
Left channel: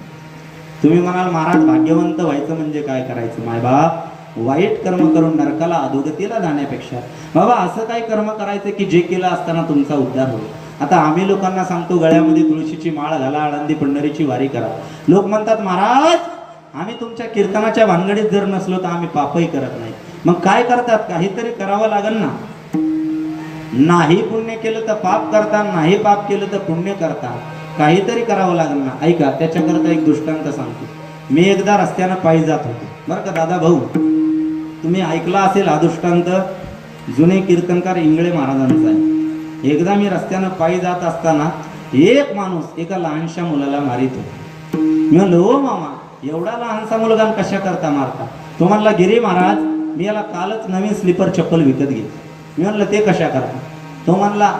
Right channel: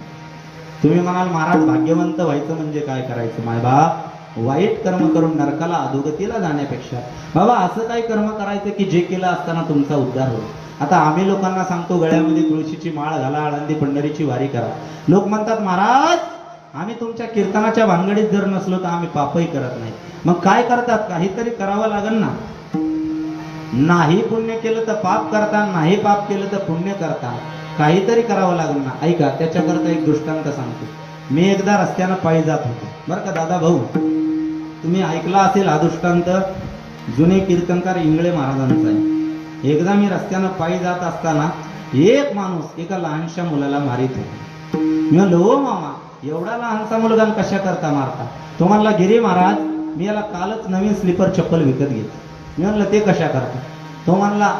तुम्ही म्हणाल महाराज भाग्यवंत व्हायचं म्हणजे काय करायचं? मायबाप, वाईट कर्म करून नरकाला अधोगतीला जाण्यापेक्षा बाबा असं काय कर्म करायचं की जे केलं असताना तुमचा उद्धार होईल. आता आम्ही लोकांना सांगतो गळ्यामध्ये तुळशीची माळ घाला, आळंदी पंढरीची वारी करा. लोक म्हणतात महाराज आम्ही तुमच्या कीर्तनाच्या भानगडीत जर नसलो तर आम्ही पापही करत नाही. मग काय करतात? काहीतरी करावं लागेल ना. नाही पुण्य केलं तर पाप करता, नाही पाप केलं तर पुण्य करता. काहीतरी करावं लागेल ना. ऐका, त्याच्याकरता एक दृष्टांत सांगतो. मी एकदा रस्त्यानं पायी जात होतो बरं का दादा भाऊ, तुम्ही ऐकला असेल हा दृष्टांत, जुने कीर्तनकार इंगळे महाराजांचा आहे. एकदा मी रस्त्यानं पायी जात असताना एक माणूस एका लहानशा मुलाला मारित होता. मी म्हणलो, हो मामा, एवढा लहानसा मुलगा कशा करता मारता? तो म्हणला गिरी महाराज मी याला कालच नवीन स्लीपर चप्पल विकत घेतली. मी म्हणलं ते कशा करता? तो म्हणला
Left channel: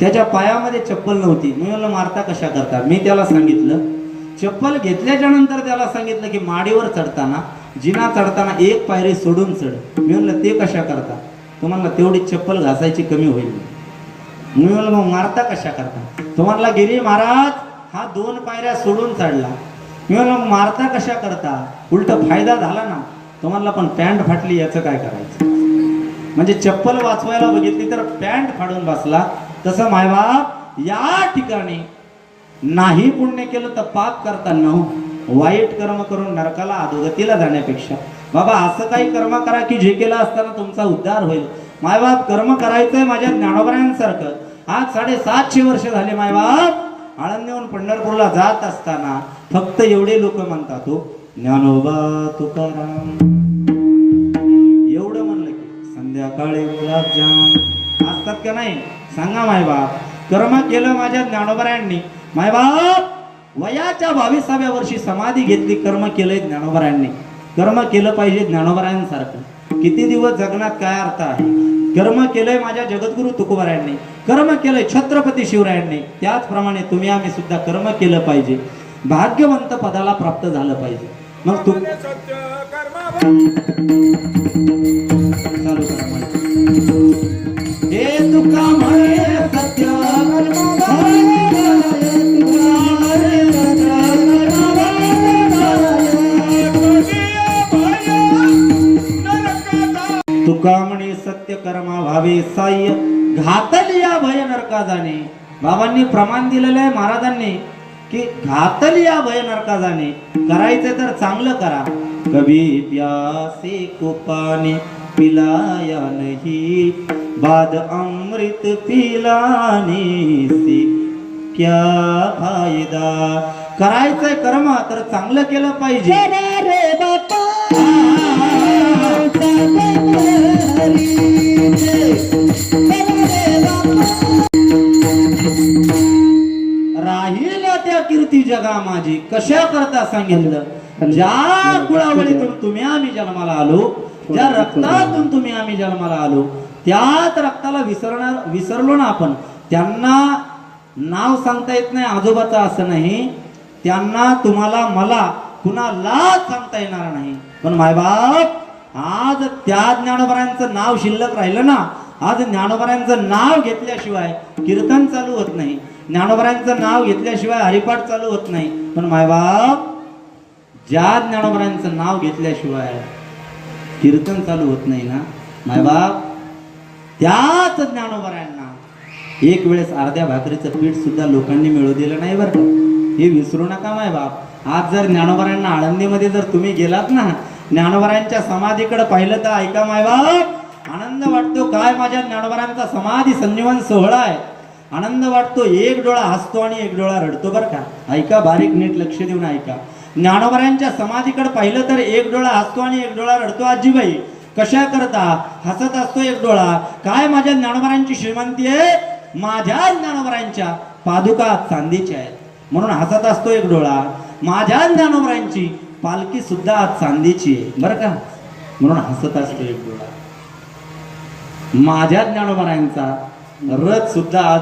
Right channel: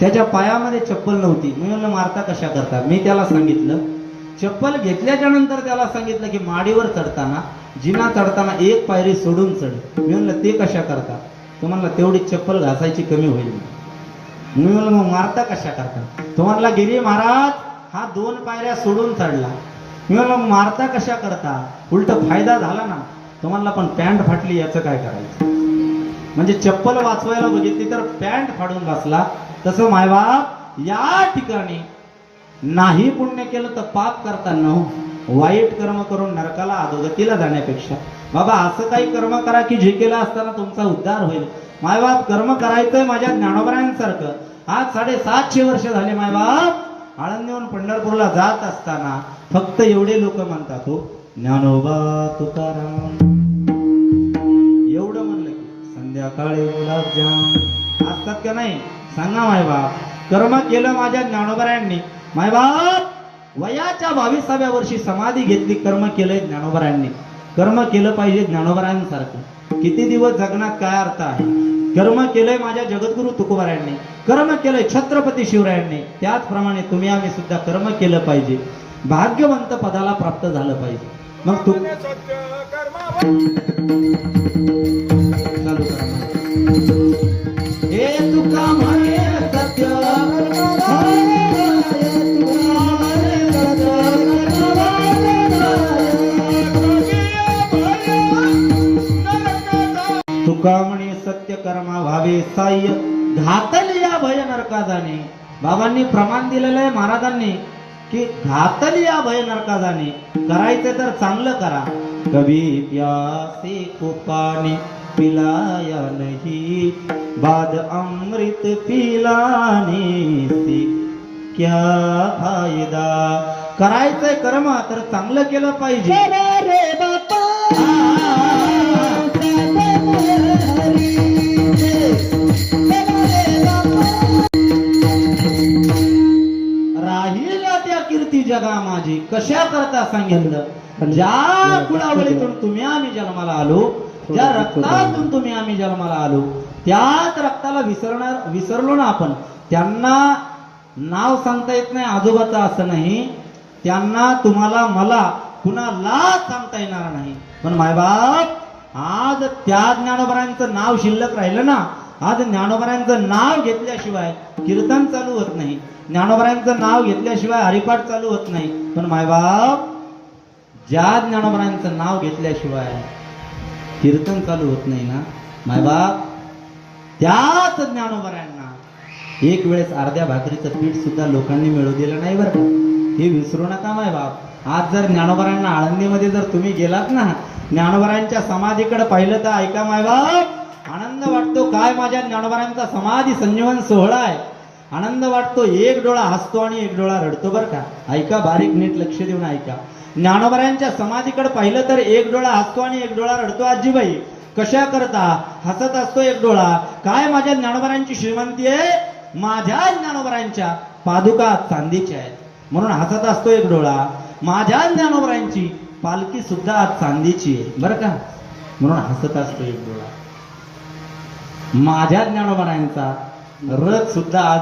त्याच्या पायामध्ये चप्पल नव्हती. मी म्हणलं मारता कशा करता? मी त्याला सांगितलं चप्पल घेतल्याच्या नंतर त्याला सांगितलं की माडीवर चढताना जिना चढताना एक पायरी सोडून चढ. मी म्हणलं ते कशा करता? तो म्हणला तेवढी चप्पल घासायची कमी होईल. मी म्हणलं मग मारता कशा करता? तो म्हणला गिरी महाराज हा 2 पायऱ्या सोडून चढला. मी म्हणलं मारता कशा करता? उलट फायदा झाला ना. तो म्हणला पण पॅन्ट फाटली याचं काय करायचं? म्हणजे चप्पल वाचवायला बघितली तर पॅन्ट फाडून बसला. तसं मायबाप या ठिकाणी नाही पुण्य केलं तर पाप करताना वाईट कर्म करून नरकाला अधोगतीला जाण्यापेक्षा बाबा असं काही कर्म करा की जे केलं असताना तुमचा उद्धार होईल. मायबाप कर्म करायचंय माझ्या ज्ञानोबरायांसारखं. आज 750 वर्ष झाले मायबाप आळंदीहून पंढरपूरला जात असताना फक्त एवढे लोक म्हणतात हो ज्ञानोबा तुकाराम. एवढं म्हणलं की संध्याकाळी गुलाबजाम असतात का नाही? सांगा मायबाप. कर्म केलं माझ्या ज्ञानोबरायांनी. मायबाप वयाच्या 22व्या वर्षी समाधी घेतली. कर्म केलंय ज्ञानोबरायांनी. कर्म केलं पाहिजे ज्ञानोबरायांसारखं. किती दिवस जगण्यात काय अर्थ आहे? कर्म केलंय माझ्या जगद्गुरु तुकोबारायांनी. कर्म केलंय छत्रपती शिवरायांनी. त्याचप्रमाणे तुम्ही आम्ही सुद्धा कर्म केलं पाहिजे. भाग्यवंत पदाला प्राप्त झालं पाहिजे. मग तू चालू करा. हे तुका म्हणे सत्य तुका म्हणे सत्य कर्मा भावे साह्य घातलिया भय नरका जाणे. बाबांनी प्रमाण दिलेलं आहे महाराजांनी की घातलिया भय नरका जाणे. करायचं तर चांगलं करा. कभी प्यासे को पानी पिलाया नहीं बाद अमृत पिलाने से क्या फायदा. करायचंय कर्म तर चांगलं केलं पाहिजे. राहील त्या कीर्ती जगा माझी कशा करता सांगितलं. ज्या कुळावळीतून तुम्ही आम्ही जन्माला आलो, ज्या रक्तातून तुम्ही आम्ही जन्माला आलो, त्याच रक्ताला विसरलो ना आपण. त्यांना नाव सांगता येत नाही आजोबाचं असं नाही. त्यांना तुम्हाला मला कुणाला सांगता येणार नाही. पण मायबाप आज त्या ज्ञानोबरायांचं नाव शिल्लक राहिलं ना. आज ज्ञानोबरायांचं नाव घेतल्याशिवाय कीर्तन चालू होत नाही. ज्ञानोबरायांचं नाव घेतल्याशिवाय हरिपाठ चालू होत नाही. पण मायबाप ज्या ज्ञानोबरायांचं नाव घेतल्याशिवाय कीर्तन चालू होत नाही ना मायबाप, त्याच ज्ञानोबरायांना एक वेळेस अर्ध्या भाकरीचं पीठ सुद्धा लोकांनी मिळू दिलं नाही बरं का. हे विसरू नका मायबाप. आज जर ज्ञानोबरायांना आळंदीमध्ये जर तुम्ही गेलात ना, ज्ञानोबरायांच्या समाधीकडे पाहिलं तर ऐका मायबाप आनंद वाटतो. काय माझ्या ज्ञानोबरायांचा समाधी संजीवन सोहळा आहे. आनंद वाटतो. एक डोळा हसतो आणि एक डोळा रडतो बरं का. ऐका बारीक नीट लक्ष देऊन ऐका. ज्ञानोबरायांच्या समाधीकडे पाहिलं तर एक डोळा हसतो आणि एक डोळा रडतो. आजीबाई कशा करता? हसत असतो एक डोळा. काय माझ्या ज्ञानोबरायांची श्रीमंती आहे. माझ्या ज्ञानोबरायांच्या पादुका चांदीच्या आहेत म्हणून हसत असतो एक डोळा. माझ्या ज्ञानोबरायांची पालखी सुद्धा आज चांदीची आहे बरं का, म्हणून हसत असतो एक डोळा. माझ्या ज्ञानोबरायांचा रथ सुद्धा आज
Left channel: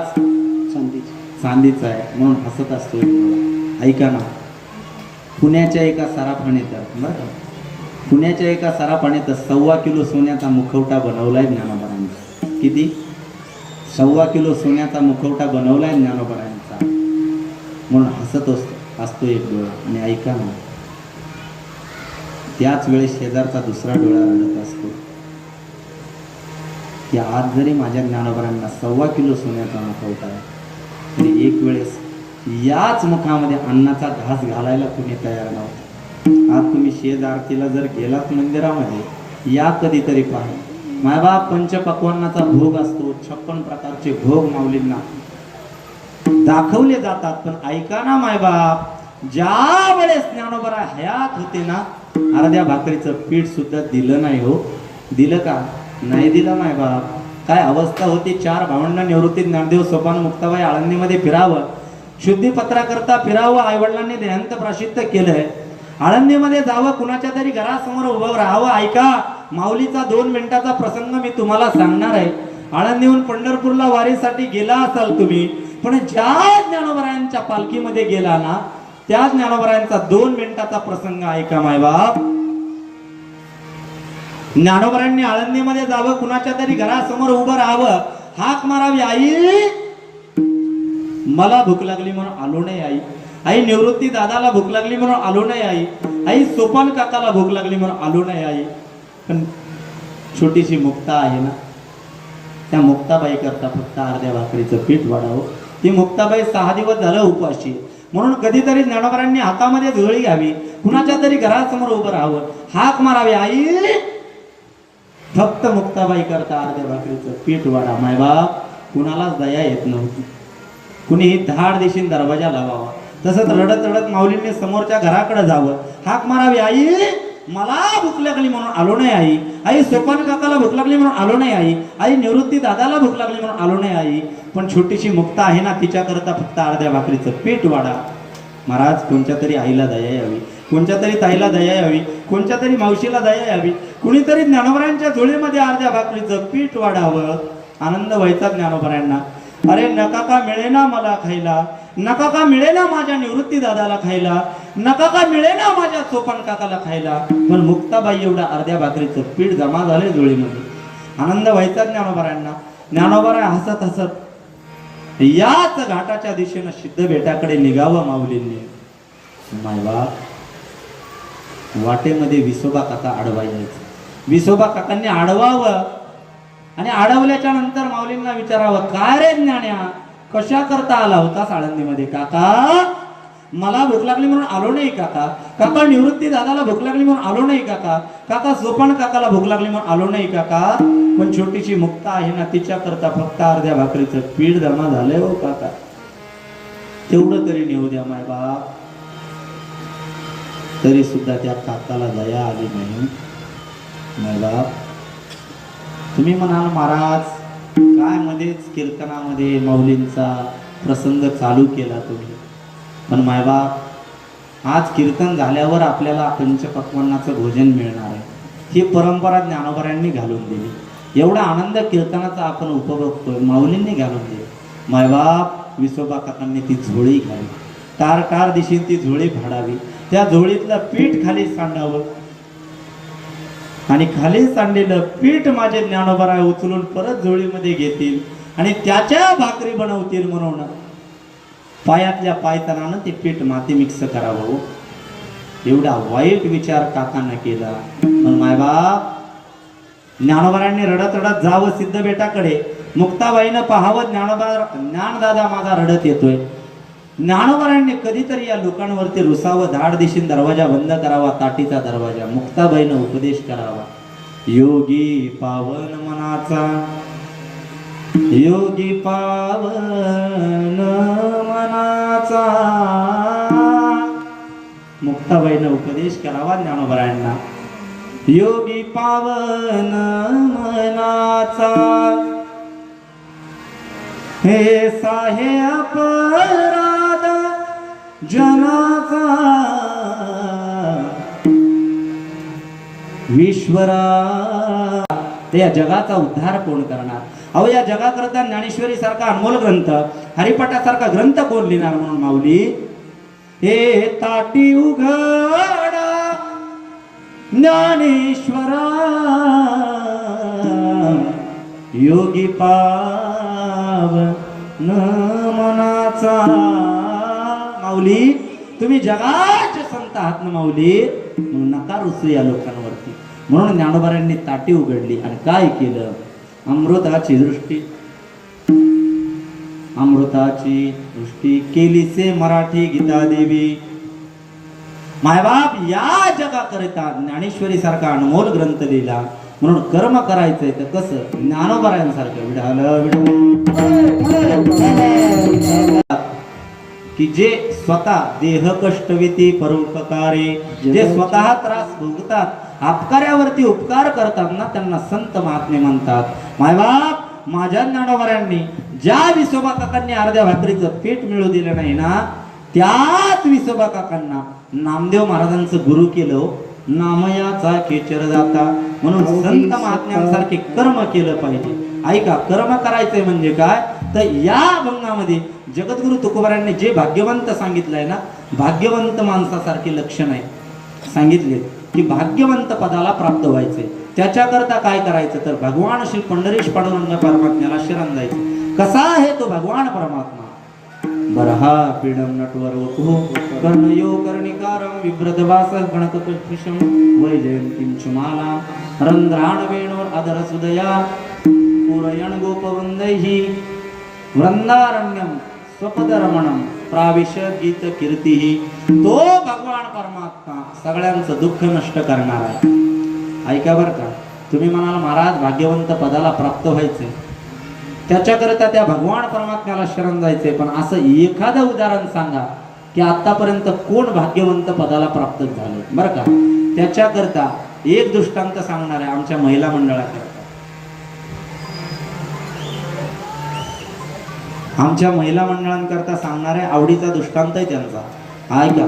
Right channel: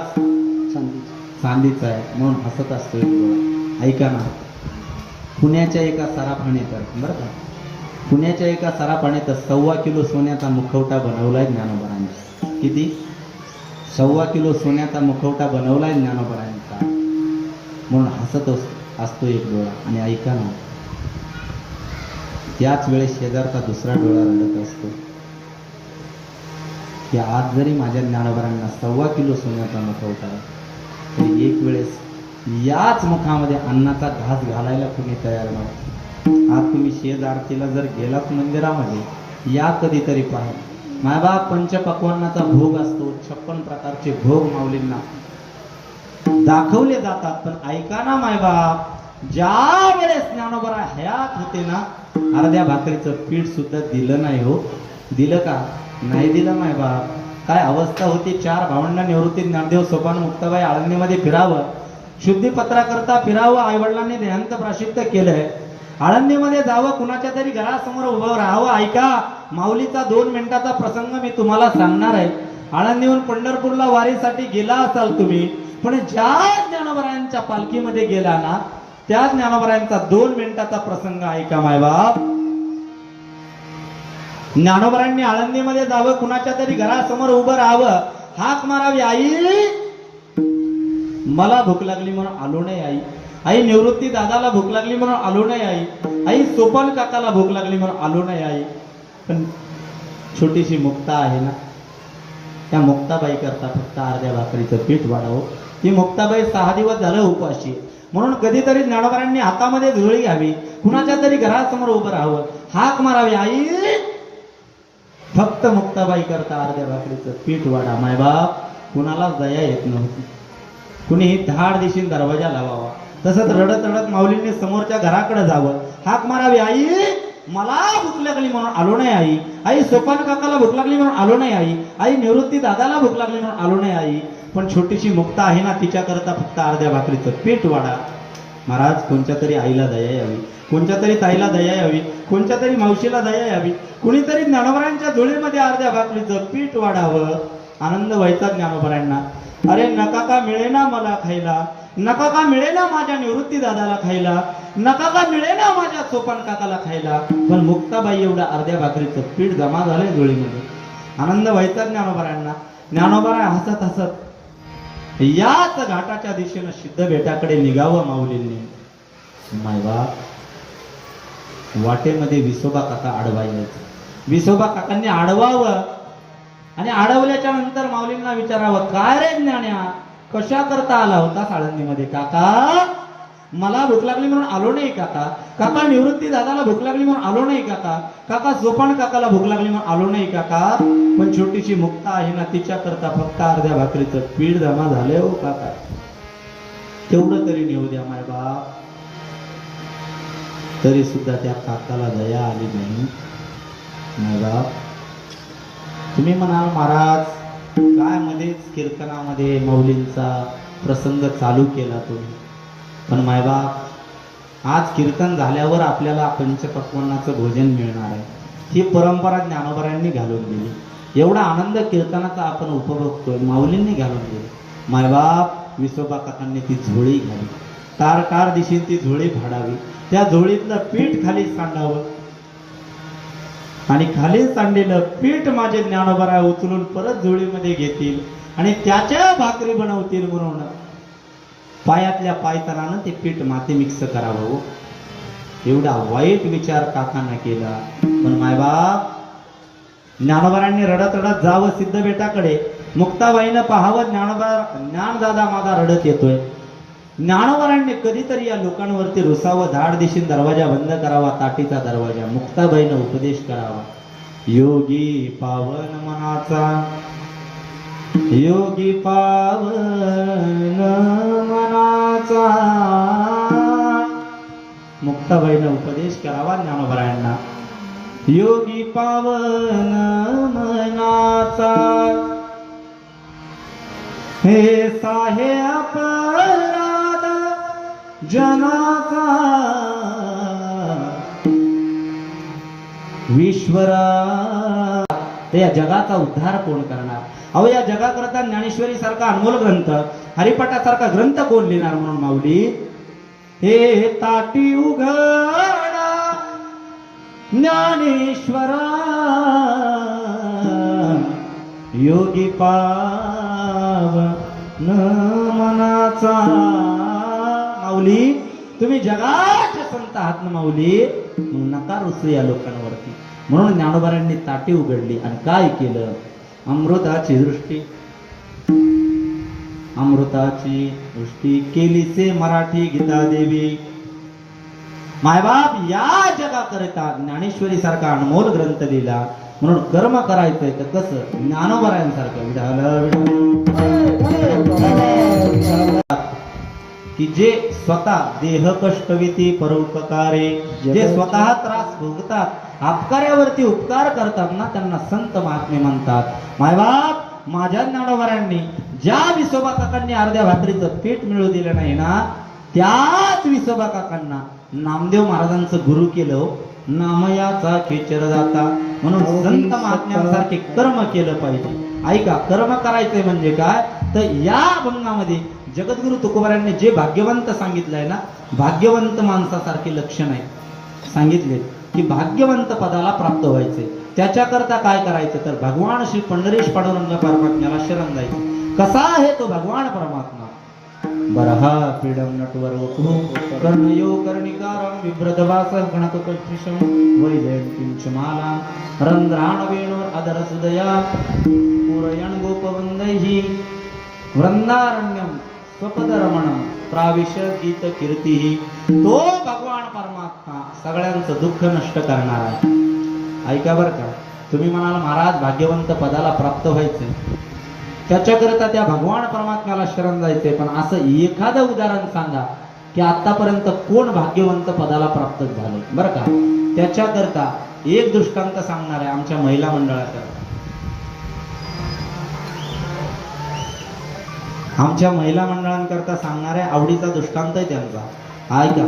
चांदीचा आहे म्हणून हसत असतो एक डोळा. ऐका ना, पुण्याच्या एका सराफाण्यात बरं का, पुण्याच्या एका सराफाण्यात 1.25 किलो सोन्याचा मुखवटा बनवलाय ज्ञानोबरायांचा. किती? 1.25 किलो सोन्याचा मुखवटा बनवलाय ज्ञानोबरायांचा म्हणून हसत असतो एक डोळा. आणि ऐका ना, त्याच वेळेस शेजारचा दुसरा डोळा रडत असतो की आज जरी माझ्या ज्ञानोबरांना 1.25 किलो सोन्याचा मुखवटा आहे तरी एक वेळेस याच मुखामध्ये अन्नाचा घास घालायला कुणी तयार नव्हतं. आज तुम्ही शेज आरतीला जर गेलात मंदिरामध्ये या कधीतरी पहा. मायबाप पंचपक्वान्नाचा भोग असतो. 56 प्रकारचे भोग माऊलींना दाखवले जातात. पण ऐका ना मायबाप, ज्या वेळेस ज्ञानोबा हयात होते ना, अर्ध्या भाकरीचं पीठ सुद्धा दिलं नाही. हो दिलं का? नाही दिलं मायबाप. काय अवस्था होती. 4 भावंडांना निवृत्ती ज्ञानदेव सोपान मुक्ताबाई आळंदीमध्ये फिरावं, शुद्धीपत्रा करता फिरावं. आईवडिलांनी देहांत प्राशित्य केलंय. आळंदीमध्ये जावं, कुणाच्या तरी घरासमोर उभं राहावं. ऐका, माऊलीचा 2 मिनिटाचा प्रसंग मी तुम्हाला सांगणार आहे. आळंदीहून पंढरपूरला वारीसाठी गेला असाल तुम्ही, पण ज्या ज्ञानोबरायांच्या पालखीमध्ये गेला ना, त्या ज्ञानोबरायांचा 2 मिनिटाचा प्रसंग ऐका मायबाप. ज्ञानोबरायांनी आळंदीमध्ये जावं, कुणाच्या तरी घरासमोर उभं राहावं, हाक मारावी, आई मला भूक लागली म्हणून आलो नाही आई. आई निवृत्ती दादाला भूक लागली म्हणून आलो नाही आई. आई सोपन काकाला भूक लागली म्हणून आलो नाही आई. पण छोटीशी मुक्ता आहे ना, त्या मुक्ताबाई करता फक्त अर्ध्या भाकरीचं पीठ वाढावं. ती मुक्ताबाई 6 दिवस झालं उपाशी, म्हणून कधीतरी ज्ञानोबरांनी हातामध्ये झोळी घ्यावी, कुणाच्या तरी घरासमोर उभं राहावं, हाक मारावी, आई फक्त मुक्ताबाई करता अर्ध्या भाकरीचं पीठ वाढा. मायबाप कुणालाच दया येत नव्हती. कुणीही धाड दिशीन दरवाजा लावावा. तसंच रडत रडत माऊलींनी समोरच्या घराकडे जावं, हाक मारावी, आई मला भूक लागली म्हणून आलो नाही आई. आई सोपान काकाला भूक लागली म्हणून आलो नाही आई. आई निवृत्ती दादाला भूक लागली म्हणून आलो नाही आई. पण छोटीशी मुक्ता आहे ना, तिच्या करता फक्त अर्ध्या भाकरीचं पीठ वाढा. महाराज कोणत्या तरी आईला दया यावी, कोणत्या तरी ताईला दया यावी, कोणत्या तरी मावशीला दया यावी, कुणीतरी ज्ञानोबरांच्या झोळीमध्ये अर्ध्या भाकरीचं पीठ वाढावं. आनंद व्हायचा ज्ञानोबरांना. अरे नका का मिळेना मला खायला, नका का मिळेना माझ्या निवृत्ती दादाला खायला, नका का मिळेना माझ्या सोपान काकाला खायला. पण मुक्ताबाई एवढं अर्ध्या भाकरीचं पीठ जमा झालंय झोळीमध्ये. आनंद व्हायचा ज्ञानोबरांना. ज्ञानोबरा हसत हसत याच घाटाच्या दिशेनं सिद्ध बेटाकडे निघावं माऊलींनी. मायबाप वाटेमध्ये विसोबा काका आडवा यायचं. विसोबा काकांनी आडवावं आणि अडवल्याच्या नंतर माऊलींना विचारावं, काय रे ज्ञान्या, कशा करता आला होता आळंदीमध्ये? काका मला भूक लागली म्हणून आलो नाही काका. काका निवृत्ती दादाला भूक लागली म्हणून आलो नाही काका. काका सोपान काकाला भूक लागली म्हणून आलो नाही काका. पण छोटीशी मुक्ता आहे ना, तिच्या करता फक्त अर्ध्या भाकरीचं पीठ जमा झालंय हो काका. तेवढं तरी नेऊ द्या मायबाप. तरी सुद्धा त्या काकाला दया आली नाही. मायबाप तुम्ही म्हणाल महाराज काय मध्येच कीर्तनामध्ये माऊलींचा प्रसंग चालू केला तुम्ही. पण मायबाप आज कीर्तन झाल्यावर आपल्याला पंचपक्वान्नाचं भोजन मिळणार आहे. ही परंपरा ज्ञानोबरांनी घालून दिली. एवढा आनंद कीर्तनाचा आपण उपभोगतोय, माऊलींनी घालून दिली. मायबाप विसोबा काकांनी ती झोळी घाली, तार दिशेने ती झोळी फाडावी, त्या झोळीतलं पीठ खाली सांडावं आणि खाली सांडलेलं पीठ माझे ज्ञानोबरा उचलून परत झोळीमध्ये घेतील आणि त्याच्या भाकरी बनवतील. म्हणून पायातल्या पायतनानं ते पीठ माती मिक्स करावं. एवढा वाईट विचार काकांना केला. पण मायबाप ज्ञानोबरांनी रडत रडत जावं सिद्ध बेटाकडे. मुक्ताबाईनं पाहावं ज्ञानदादा माझा रडत येतोय. ज्ञानोबरांनी कधीतरी या लोकांवरती रुसावं, धाड दिशीन दरवाजा बंद करावा, ताटीचा दरवाजा. मुक्ताबाईनं उपदेश करावा, योगी पावन मनाचा, योगी पावन मनाचा. मुक्ताबाईनं उपदेश करावा ज्ञानोबरांना, योगी पावन मनाचा. हे साहे अपराध जनाचा, विश्वरा ते या जगाचा उद्धार कोण करणार? अहो या जगाकरता ज्ञानेश्वरी सारखा अनमोल ग्रंथ, हरिपाठासारखा ग्रंथ कोण लिहिणार? म्हणून माऊली हे ताटी उघडा ज्ञानेश्वरा, योगी पावन मनाचा. माऊली तुम्ही जगाचे संत आहात ना माऊली, नका रुसू या लोकांवरती. म्हणून ज्ञानोबरांनी ताटी उघडली आणि काय केलं? अमृताची दृष्टी, अमृताची दृष्टी केली से मराठी गीता देवी. मायबाप या जगाकरिता ज्ञानेश्वरी सारखा अनमोल ग्रंथ लिहिला. म्हणून कर्म करायचंय तर कसं? ज्ञानोबरांसारखं की जे स्वतः देह कष्टविती परोपकारे, जे स्वतः त्रास भोगतात, अपकार्यावरती उपकार करतात ना, त्यांना संत महात्मे म्हणतात. मायबाप माझ्या ज्ञानोबरांनी ज्या विसोबा काकांनी अर्ध्या भाकरीचं पीठ मिळू दिलं नाही ना, त्याच त्याच विसोबा काकांना नामदेव महाराजांचं गुरु केलं. नामयाचा खेचर जाता म्हणून संत महात्म्यांसारखे कर्म केलं पाहिजे. ऐका, कर्म करायचंय म्हणजे काय तर या अभंगामध्ये जगद्गुरु तुकोबारायांनी जे भाग्यवंत सांगितलंय ना, भाग्यवंत माणसासारखे लक्षण आहे सांगितले की भाग्यवंत पदाला प्राप्त व्हायचे. त्याच्याकरता काय करायचं तर भगवान श्री पंढरीश पांडुरंग परमात्म्याला शरण जायचं. कसा आहे तो भगवान परमात्मा? बरहा पीडम नटवर वतु कर्णयो कर्णिकारं विभ्रतवास गणकपत्रिशं वैजयंतीं चमाला रंध्राण वेणोर अधर सुदया पुरयण गोपवृंदैहि वृंदारण्यम स्वपदरमणम प्राविश गीत कीर्तिहि. तो भगवान परमात्मा सगळ्यांचं दुःख नष्ट करणार आहे. ऐका बरं का, तुम्ही म्हणाल महाराज भाग्यवंत पदाला प्राप्त व्हायचे, त्याच्याकरता त्या भगवान परमात्म्याला शरण जायचे, पण असं एखादं उदाहरण सांगा की आतापर्यंत कोण भाग्यवंत पदाला प्राप्त झालं बरं का. त्याच्याकरता एक दृष्टांत सांगणार आहे आमच्या महिला मंडळाचा. आमच्या महिला मंडळांकरता सांगणारे आवडीचा दृष्टांत आहे त्यांचा. ऐका,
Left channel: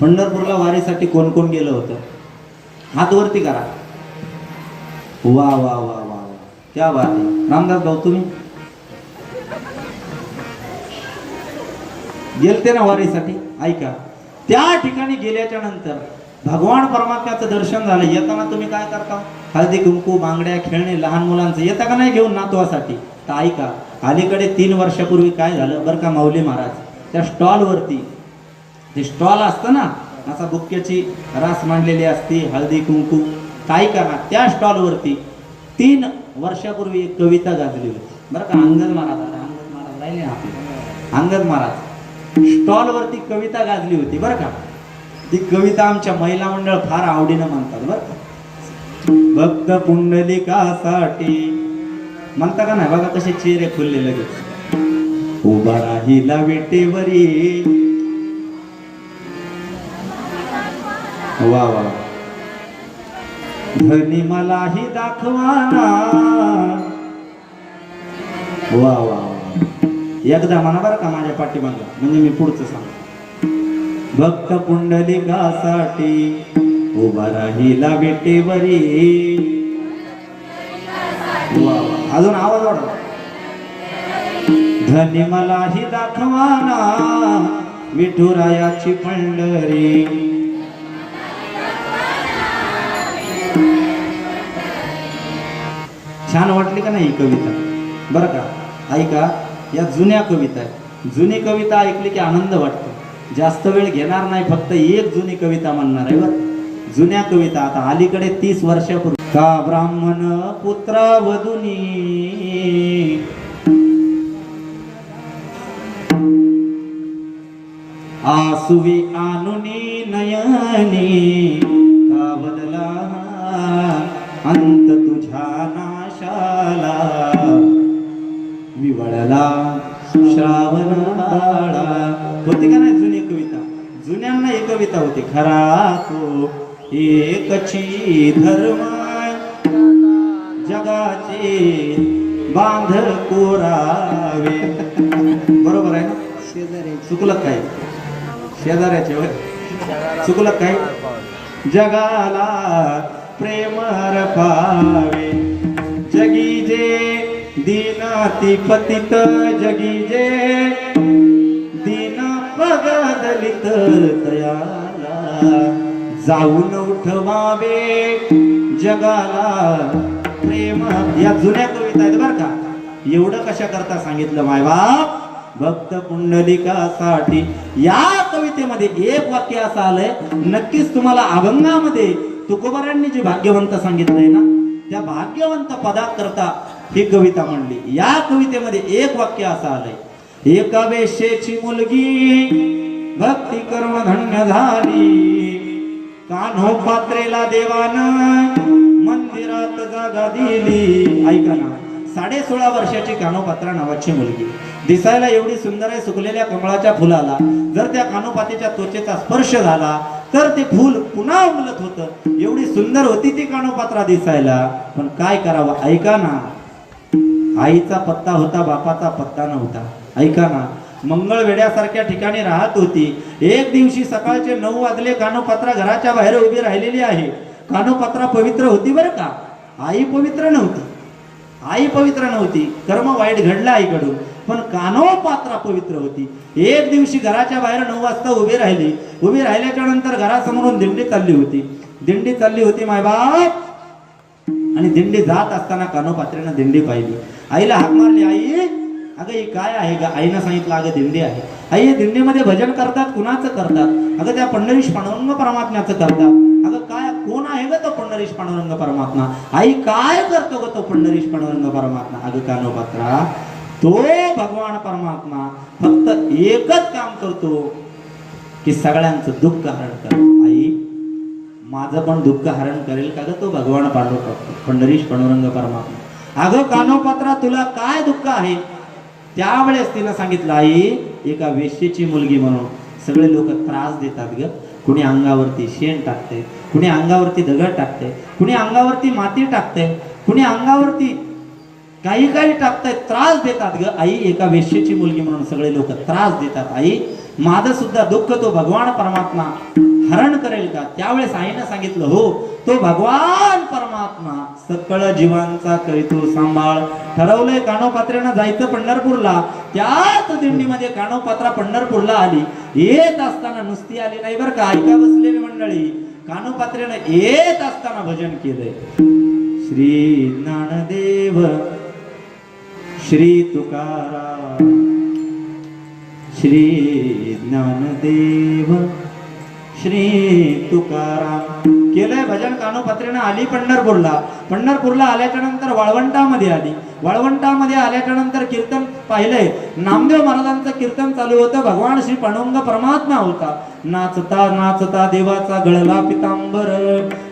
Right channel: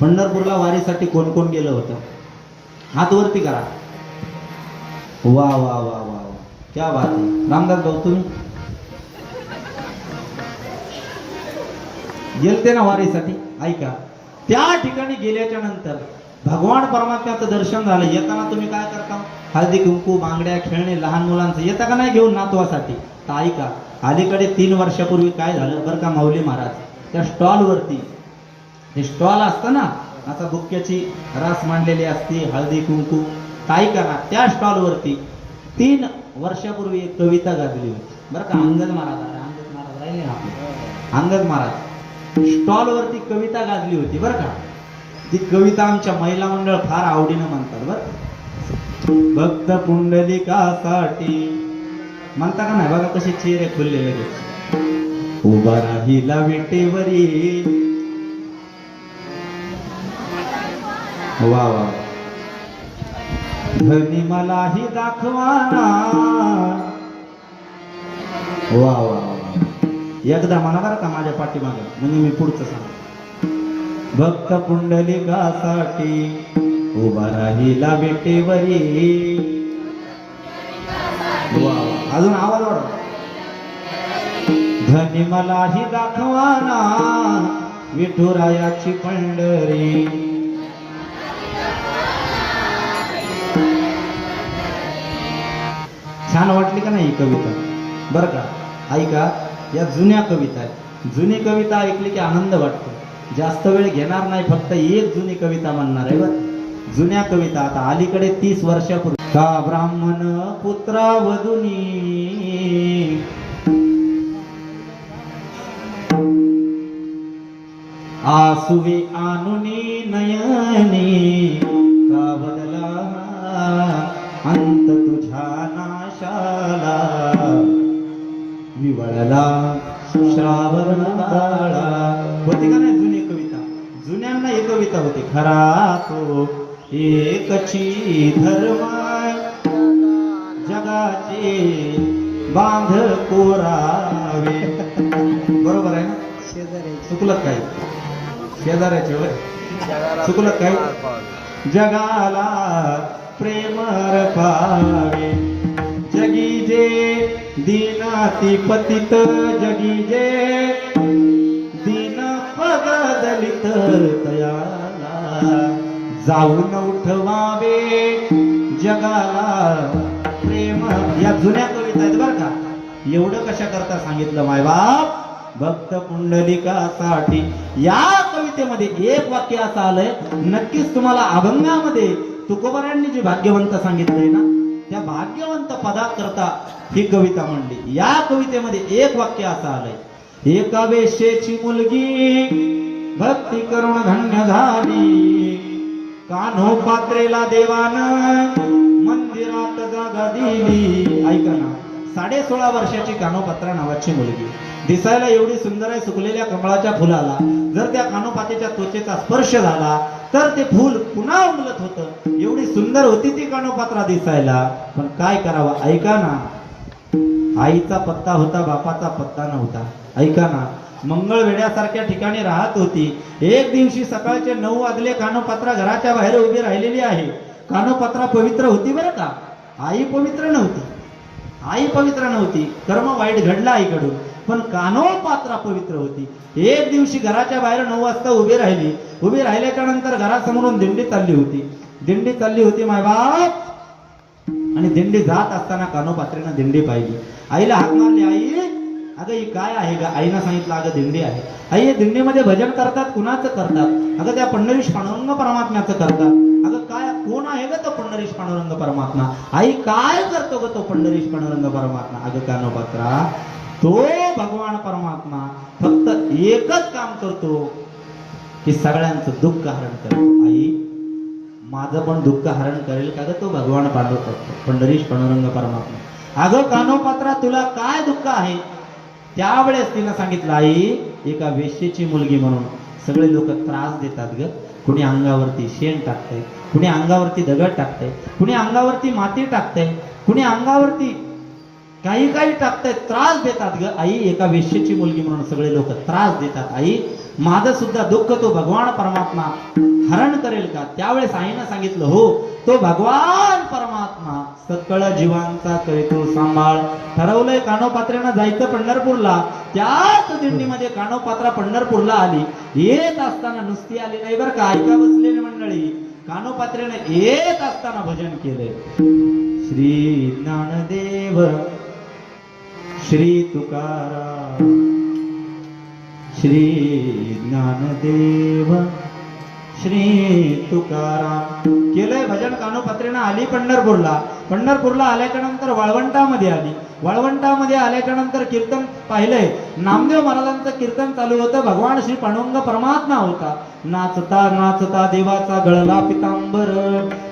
पंढरपूरला वारीसाठी कोण कोण गेलं होतं? हात वरती करा. वा वा वा वा वा, क्या बात आहे. रामदास भाऊ तुम्ही गेलते ना वारीसाठी? ऐका, त्या ठिकाणी गेल्याच्या नंतर भगवान परमात्म्याचं दर्शन झालं. येताना तुम्ही काय करता? हळदी कुंकू, बांगड्या, खेळणे लहान मुलांचं येता का नाही घेऊन नातवासाठी? तर ऐका, अलीकडे 3 वर्षापूर्वी काय झालं बरं का, माऊली महाराज त्या स्टॉलवरती, ते स्टॉल असतं ना असा बुक्क्याची रास मांडलेली असते, हळदी कुंकू, काय करा त्या स्टॉलवरती 3 वर्षापूर्वी एक कविता गाजली होती बरं का. अंगद महाराज राहिले ना आपले, अंगद महाराज स्टॉलवरती कविता गाजली होती बरं का. ती कविता आमच्या महिला मंडळ फार आवडीनं म्हणतात बरं का. भक्त पुंडलिकासाठी म्हणता का नाही? बघा कसे चेहरे खुलले लगेच. उभा राहिला विटेवरी. वा वा, धनी मलाही दाखवाना. वा वा, एकदा म्हणा बरं का माझ्या पाठीमागे, म्हणजे मी पुढचं सांग. भक्त पुंडलिकासाठी उभा राहिला विटेवरी. अजून आवाज वाढवा. धनी मलाही दाखवाना विठुरायाची पंढरी. छान वाटली का नाही कविता बरं का. ऐका, या जुन्या कविता आहे. जुनी कविता ऐकली की आनंद वाटतो. जास्त वेळ घेणार नाही, फक्त एक जुनी कविता म्हणणार आहे बरं. जुन्या कविता आता अलीकडे 30 वर्षापूर्वी. का ब्राह्मण पुत्रावधुनी आसुवे आनुनी नयनी. का बदला अंत तुझ्या नाशाला विवळला श्रावण बाळा. होती का नाही जुनी कविता? जुन्यांना ही कविता होती. खरा तो एकची धर्म जगाचे बांध कोरावे. बरोबर आहे ना? शेजारी चुकलं काय? शेजाऱ्याचे होय चुकलं काय? जगाला प्रेम पावे. जगी जे दीनाती पतित, जगी जे दीन पग दलित तयाला जाऊन उठवावे जगाला प्रेम. या जुन्या कविता आहेत बरं का. एवढं कशा करता सांगितलं मायबाप? भक्त पुंडलिकासाठी. या कवितेमध्ये एक वाक्य असं आलंय, नक्कीच तुम्हाला अभंगामध्ये तुकोबारायांनी जे भाग्यवंत सांगितलंय ना, त्या भाग्यवंत पदाकरता ही कविता म्हणली. या कवितेमध्ये एक वाक्य असं आलंय, एका वेश्येची मुलगी भक्ती करून धन्य झाली. कान्होपात्रेला देवानं मंदिरात जागा दिली. ऐका ना, 16.5 वर्षाची कान्होपात्रा नावाची मुलगी, दिसायला एवढी सुंदर आहे. सुकलेल्या कमळाच्या फुलाला जर त्या कानोपातीच्या त्वचेचा स्पर्श झाला तर ते फूल पुन्हा उमलत होतं. एवढी सुंदर होती ती कानोपात्रा दिसायला. पण काय करावं? ऐका ना, आईचा पत्ता होता, बापाचा पत्ता नव्हता. ऐका ना, मंगळवेड्यासारख्या ठिकाणी राहत होती. एक दिवशी सकाळचे 9 वाजले. कानोपात्रा घराच्या बाहेर उभी राहिलेली आहे. कानोपात्रा पवित्र होती बरं का, आई पवित्र नव्हती. आई पवित्र नव्हती, कर्म वाईट घडलं आईकडून, पण कानोपात्रा पवित्र होती. एक दिवशी घराच्या बाहेर 9 वाजता उभी राहिली. उभी राहिल्याच्या नंतर घरासमोरून दिंडी चालली होती. दिंडी चालली होती मायबाप, आणि दिंडी जात असताना कानोपात्रेनं दिंडी पाहिली. आईला हाक मारली, आई अगं ही काय आहे ग? आईनं सांगितलं अगं दिंडी आहे. आई दिंडीमध्ये भजन करतात, कुणाचं करतात? अगं त्या पंढरीश पांडुरंग परमात्म्याचं करतात. अगं काय कोण आहे ग तो पंढरीश पांडुरंग परमात्मा? आई काय करतो ग तो पंढरीश पांडुरंग परमात्मा? अगं कानोपात्रा, तो भगवान परमात्मा फक्त एकच काम करतो की सगळ्यांचं दुःख हरण करतो. आई माझं पण दुःख हरण करेल का ग तो भगवान पंढरीश पांडुरंग परमात्मा? अगं कानोपात्रा, तुला काय दुःख आहे? त्यावेळेस तिला सांगितलं, आई एका वेश्येची मुलगी म्हणून सगळे लोक त्रास देतात ग. कुणी अंगावरती शेण टाकते, कुणी अंगावरती दगड टाकते, कुणी अंगावरती माती टाकते, कुणी अंगावरती काही काही टाकते, त्रास देतात ग. आई एका वेश्येची मुलगी म्हणून सगळे लोक त्रास देतात. आई माझं सुद्धा दुःख तो भगवान परमात्मा हरण करेल का? त्यावेळेस आईनं सांगितलं, हो तो भगवान परमात्मा सकळ जीवांचा करीतो सांभाळ. ठरवलंय कानोपात्रेनं जायचं पंढरपूरला. त्याच दिंडीमध्ये कानोपात्रा पंढरपूरला आली. येत असताना नुसती आली नाही बरं का, ऐका बसलेली मंडळी, कानोपात्रेनं येत असताना भजन केलंय. श्री ज्ञानदेव श्री तुकाराम, श्री ज्ञानदेव श्री तुकाराम केलंय भजन. कानोपात्रेनं आली पंढरपूरला. पंढरपूरला आल्याच्या नंतर वाळवंटामध्ये आली. वाळवंटामध्ये आल्याच्या नंतर कीर्तन पाहिलंय. नामदेव महाराजांचं कीर्तन चालू होतं. भगवान श्री पांडुरंग परमात्मा होता. नाचता नाचता देवाचा गळला पितांबर.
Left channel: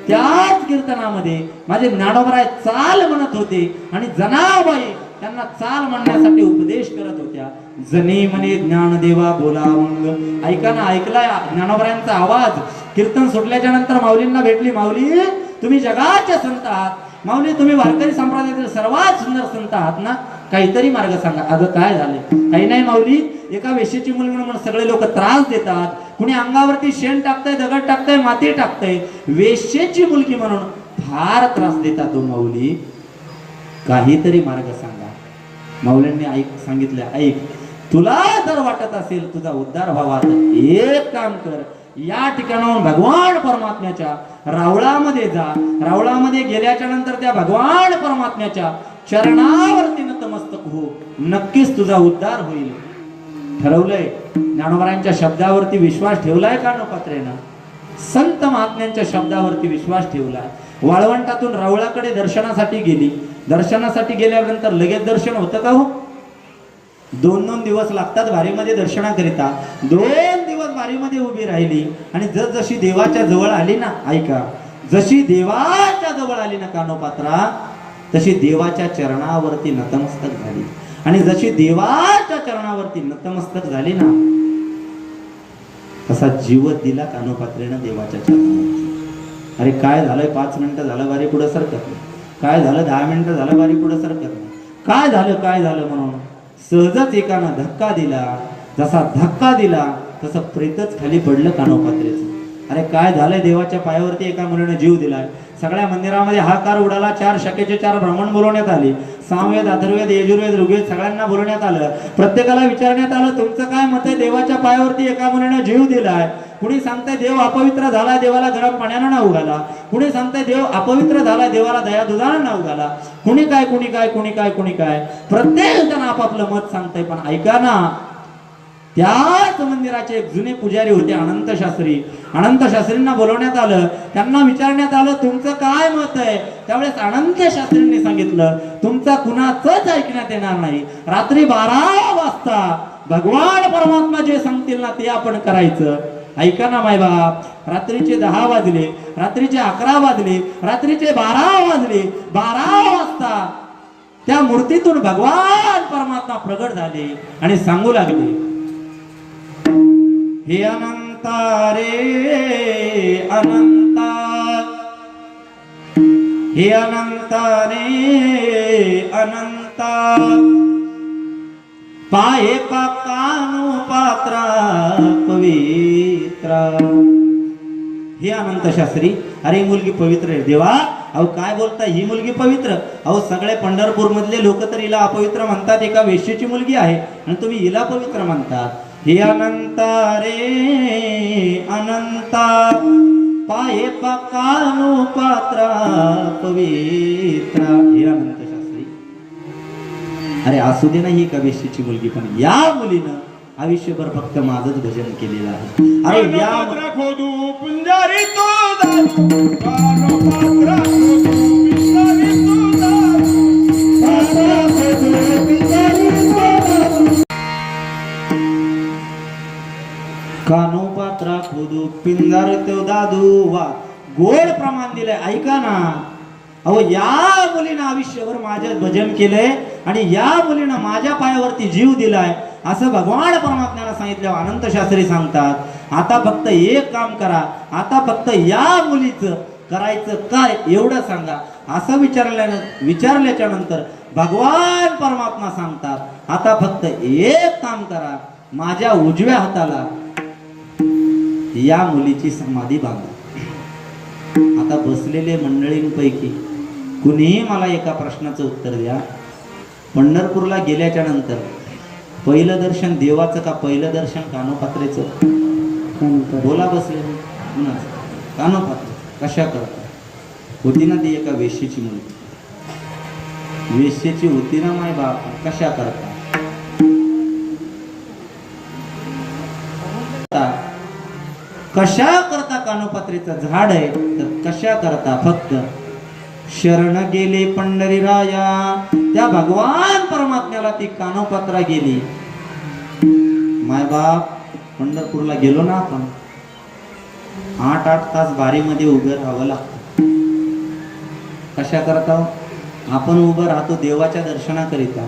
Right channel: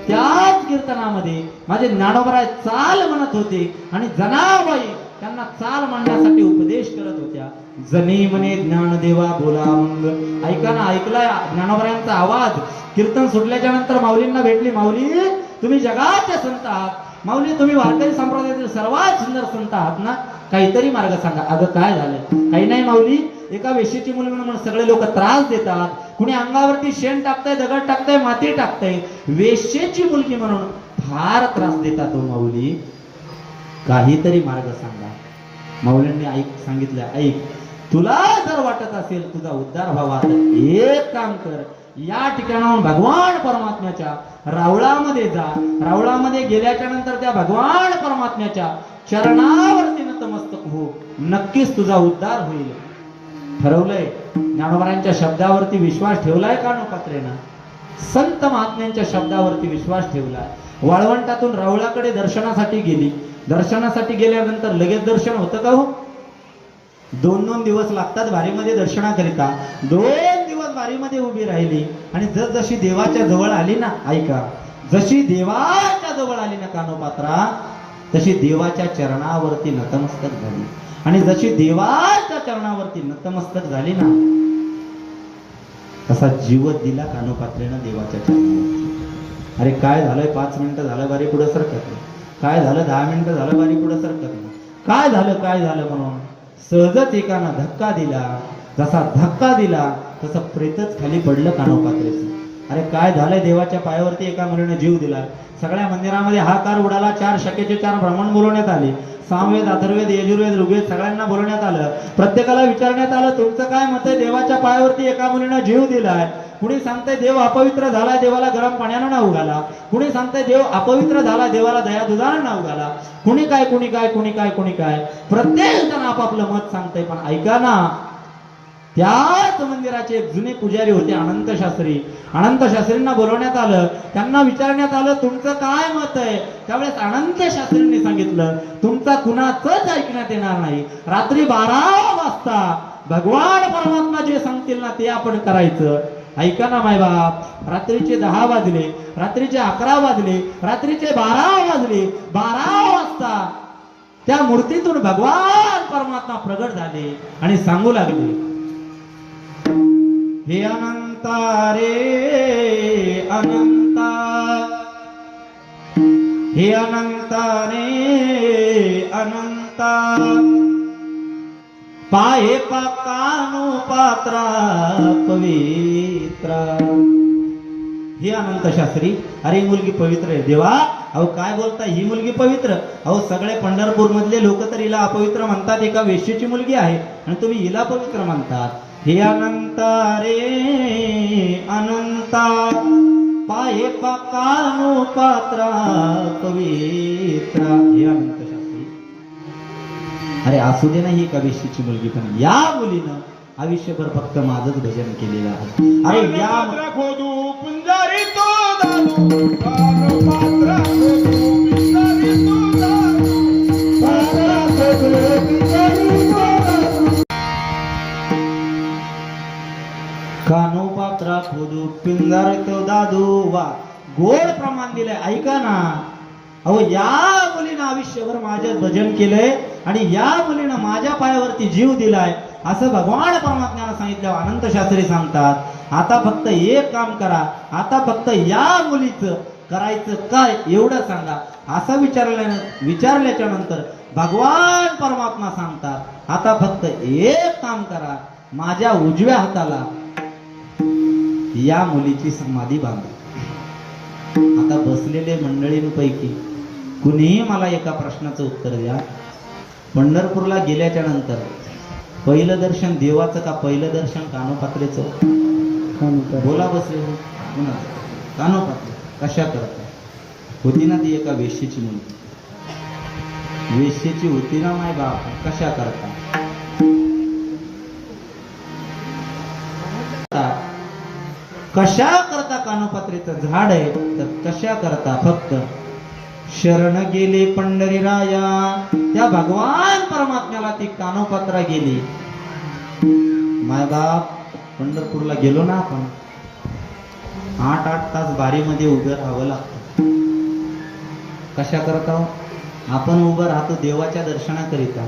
त्याच कीर्तनामध्ये माझे ज्ञानोबराय चाल म्हणत होते आणि जनाबाई त्यांना चाल म्हणण्यासाठी उपदेश करत होत्या. जनी म्हणे ज्ञानदेवा बोला मग. ऐका ना, ऐकलाय ज्ञानोबरायांचा आवाज. कीर्तन सुटल्याच्या नंतर माऊलींना भेटली. माऊली तुम्ही जगाचे संत आहात. माऊली तुम्ही वारकरी संप्रदायातील सर्वात सुंदर संत आहात ना, काहीतरी मार्ग सांगा. अगं काय झालं? काही नाही माऊली, एका वेश्येची मुलगी म्हणून सगळे लोक त्रास देतात. कुणी अंगावरती शेण टाकतंय, दगड टाकतंय, माती टाकतंय. वेश्येची मुलगी म्हणून फार त्रास देतात. माऊली काहीतरी मार्ग सांगा. माऊलींनी सांगितलं, ऐक तुला जर वाटत असेल तुझा उद्धार व्हावा तर एक काम कर, या ठिकाणाहून भगवान परमात्म्याच्या रावळामध्ये जा. रावळामध्ये गेल्याच्या नंतर त्या भगवान परमात्म्याच्या चरणावरती नतमस्तक हो, नक्कीच तुझा उद्धार होईल. ठरवलंय. ज्ञानोबरायांच्या शब्दावरती विश्वास ठेवलाय कानोपात्रेनं. संत महात्म्यांच्या शब्दावरती विश्वास ठेवलाय. वाळवंटातून रावळाकडे दर्शनासाठी गेली. दर्शनासाठी गेल्यानंतर लगेच दर्शन होतं का हो? 2-2 दिवस लागतात वारीमध्ये दर्शनाकरिता. 2 दिवस वारीमध्ये उभी राहिली आणि जशी देवाच्या जवळ आली ना, ऐका, जशी देवाच्या जवळ आली ना कानोपात्रा, तशी देवाच्या चरणावरती नतमस्तक झाली. आणि जशी देवाच्या चरणावरती नतमस्तक झाली ना, तसा जीवत दिला कानोपात्रेनं देवाच्या चरणावरती. अरे काय झालंय, 5 मिनिटं झालं वारी पुढं सरकत नाही. काय झालं, 10 मिनिटं झालं वारी पुढं सरकत नाही. काय झालं म्हणून सहजच एकानं धक्का दिला. जसा धक्का दिला तसं प्रेतच खाली पडलं कानोपात्रेचं. अरे काय झालंय, देवाच्या पायावरती एका मुलीने जीव दिलाय. सगळ्या मंदिरामध्ये हाकार उडाला. 4 शाखेचे 4 ब्राह्मण बोलवण्यात आले. सामवेद, अथर्ववेद, यजुर्वेद, ऋग्वेद सगळ्यांना बोलवण्यात आलं. प्रत्येकाला विचारण्यात आलं, तुमचं काय मत आहे? देवाच्या पायावरती एका मुलीने जीव दिलाय. कुणी सांगताय देव अपवित्र झालाय, देवाला गरम पाण्यानं नाव घाला. कुणी सांगताय देव अपवित्र झाला, देवाला दया दुधानं नाव घाला. कुणी काय. प्रत्येक जण आपापलं मत सांगताय. पण ऐका ना, त्याच मंदिराचे एक जुने पुजारी होते, अनंत शास्त्री. अनंत शास्त्रींना बोलवण्यात आलं. त्यांना विचारण्यात आलं, तुमचं काय मत आहे? त्यावेळेस अनंत शास्त्रींनी सांगितलं, तुमचा कुणाचंच ऐकण्यात येणार नाही. रात्री 12 वाजता भगवान परमात्मा जे सांगतील ना ते आपण करायचं. ऐका ना माय बाप, रात्रीचे 10 वाजले, रात्रीचे 11 वाजले, रात्रीचे 12 वाजले. 12 वाजता त्या मूर्तीतून भगवान परमात्मा प्रगट झाले आणि सांगू लागले, हे अनंता रे अनंता, हे अनंता रे अनंता, पाय एका कानो पात्रा पवित्र. हे अनंत शास्त्री, अरे ही मुलगी पवित्र आहे. देवा अहो काय बोलता, ही मुलगी पवित्र? अहो सगळे पंढरपूर मधले लोक तर हिला अपवित्र म्हणतात, एका वेश्येची मुलगी आहे, आणि तुम्ही हिला पवित्र म्हणतात. हे अनंता रे अनंता, पाये कानो पात्रा पवित्र. हे अनंत शास्त्री, अरे असू दे ना ही एका वेश्येची मुलगी, पण या मुलीनं आयुष्यभर फक्त माझंच भजन केलेलं आहे. अरे या खोदू पुंजारी तो दारू, पात्र खोदू पिंजारी तो दारू. कानो पात्रा खोदू पिंजार तो दादू. वा गोड प्रमाण दिलंय, ऐका ना. अहो या मुलीनं आयुष्यभर माझ्या भजन केलंय आणि या मुलीनं माझ्या पायावरती जीव दिलाय असं भगवान परमात्म्याला सांगितलं. अनंत शास्त्री सांगतात आता फक्त एक काम करा, आता फक्त या मुलीचं करायचं काय एवढं सांगा. असं विचारल्याच्या नंतर भगवान परमात्मा सांगतात आता फक्त एक काम करा, माझ्या उजव्या हाताला या मुलीची समाधी बांधा. आता बसलेले मंडळींपैकी कुणीही मला एका प्रश्नाचं उत्तर द्या. पंढरपूरला गेल्याच्या नंतर पहिलं दर्शन देवाचं का पहिलं दर्शन कानोपात्रेचं? बोला बसलेलं कुणाचं? कानोपात्रे. कशा करता होती ना ती एका वेश्येची मुलगी, वेश्येची होती ना माय बाप. कशा करता कशा करता कानोपात्रेचं झाड आहे तर कशा करता फक्त शरण गेली पंढरीराया. त्या भगवान परमात्म्याला ती कानोपात्रा गेली. माय बाप पंढरपूरला गेलो ना आपण, 8-8 तास बारीमध्ये उभं राहावं लागतं. कशा करता? आपण उभं राहतो देवाच्या दर्शनाकरिता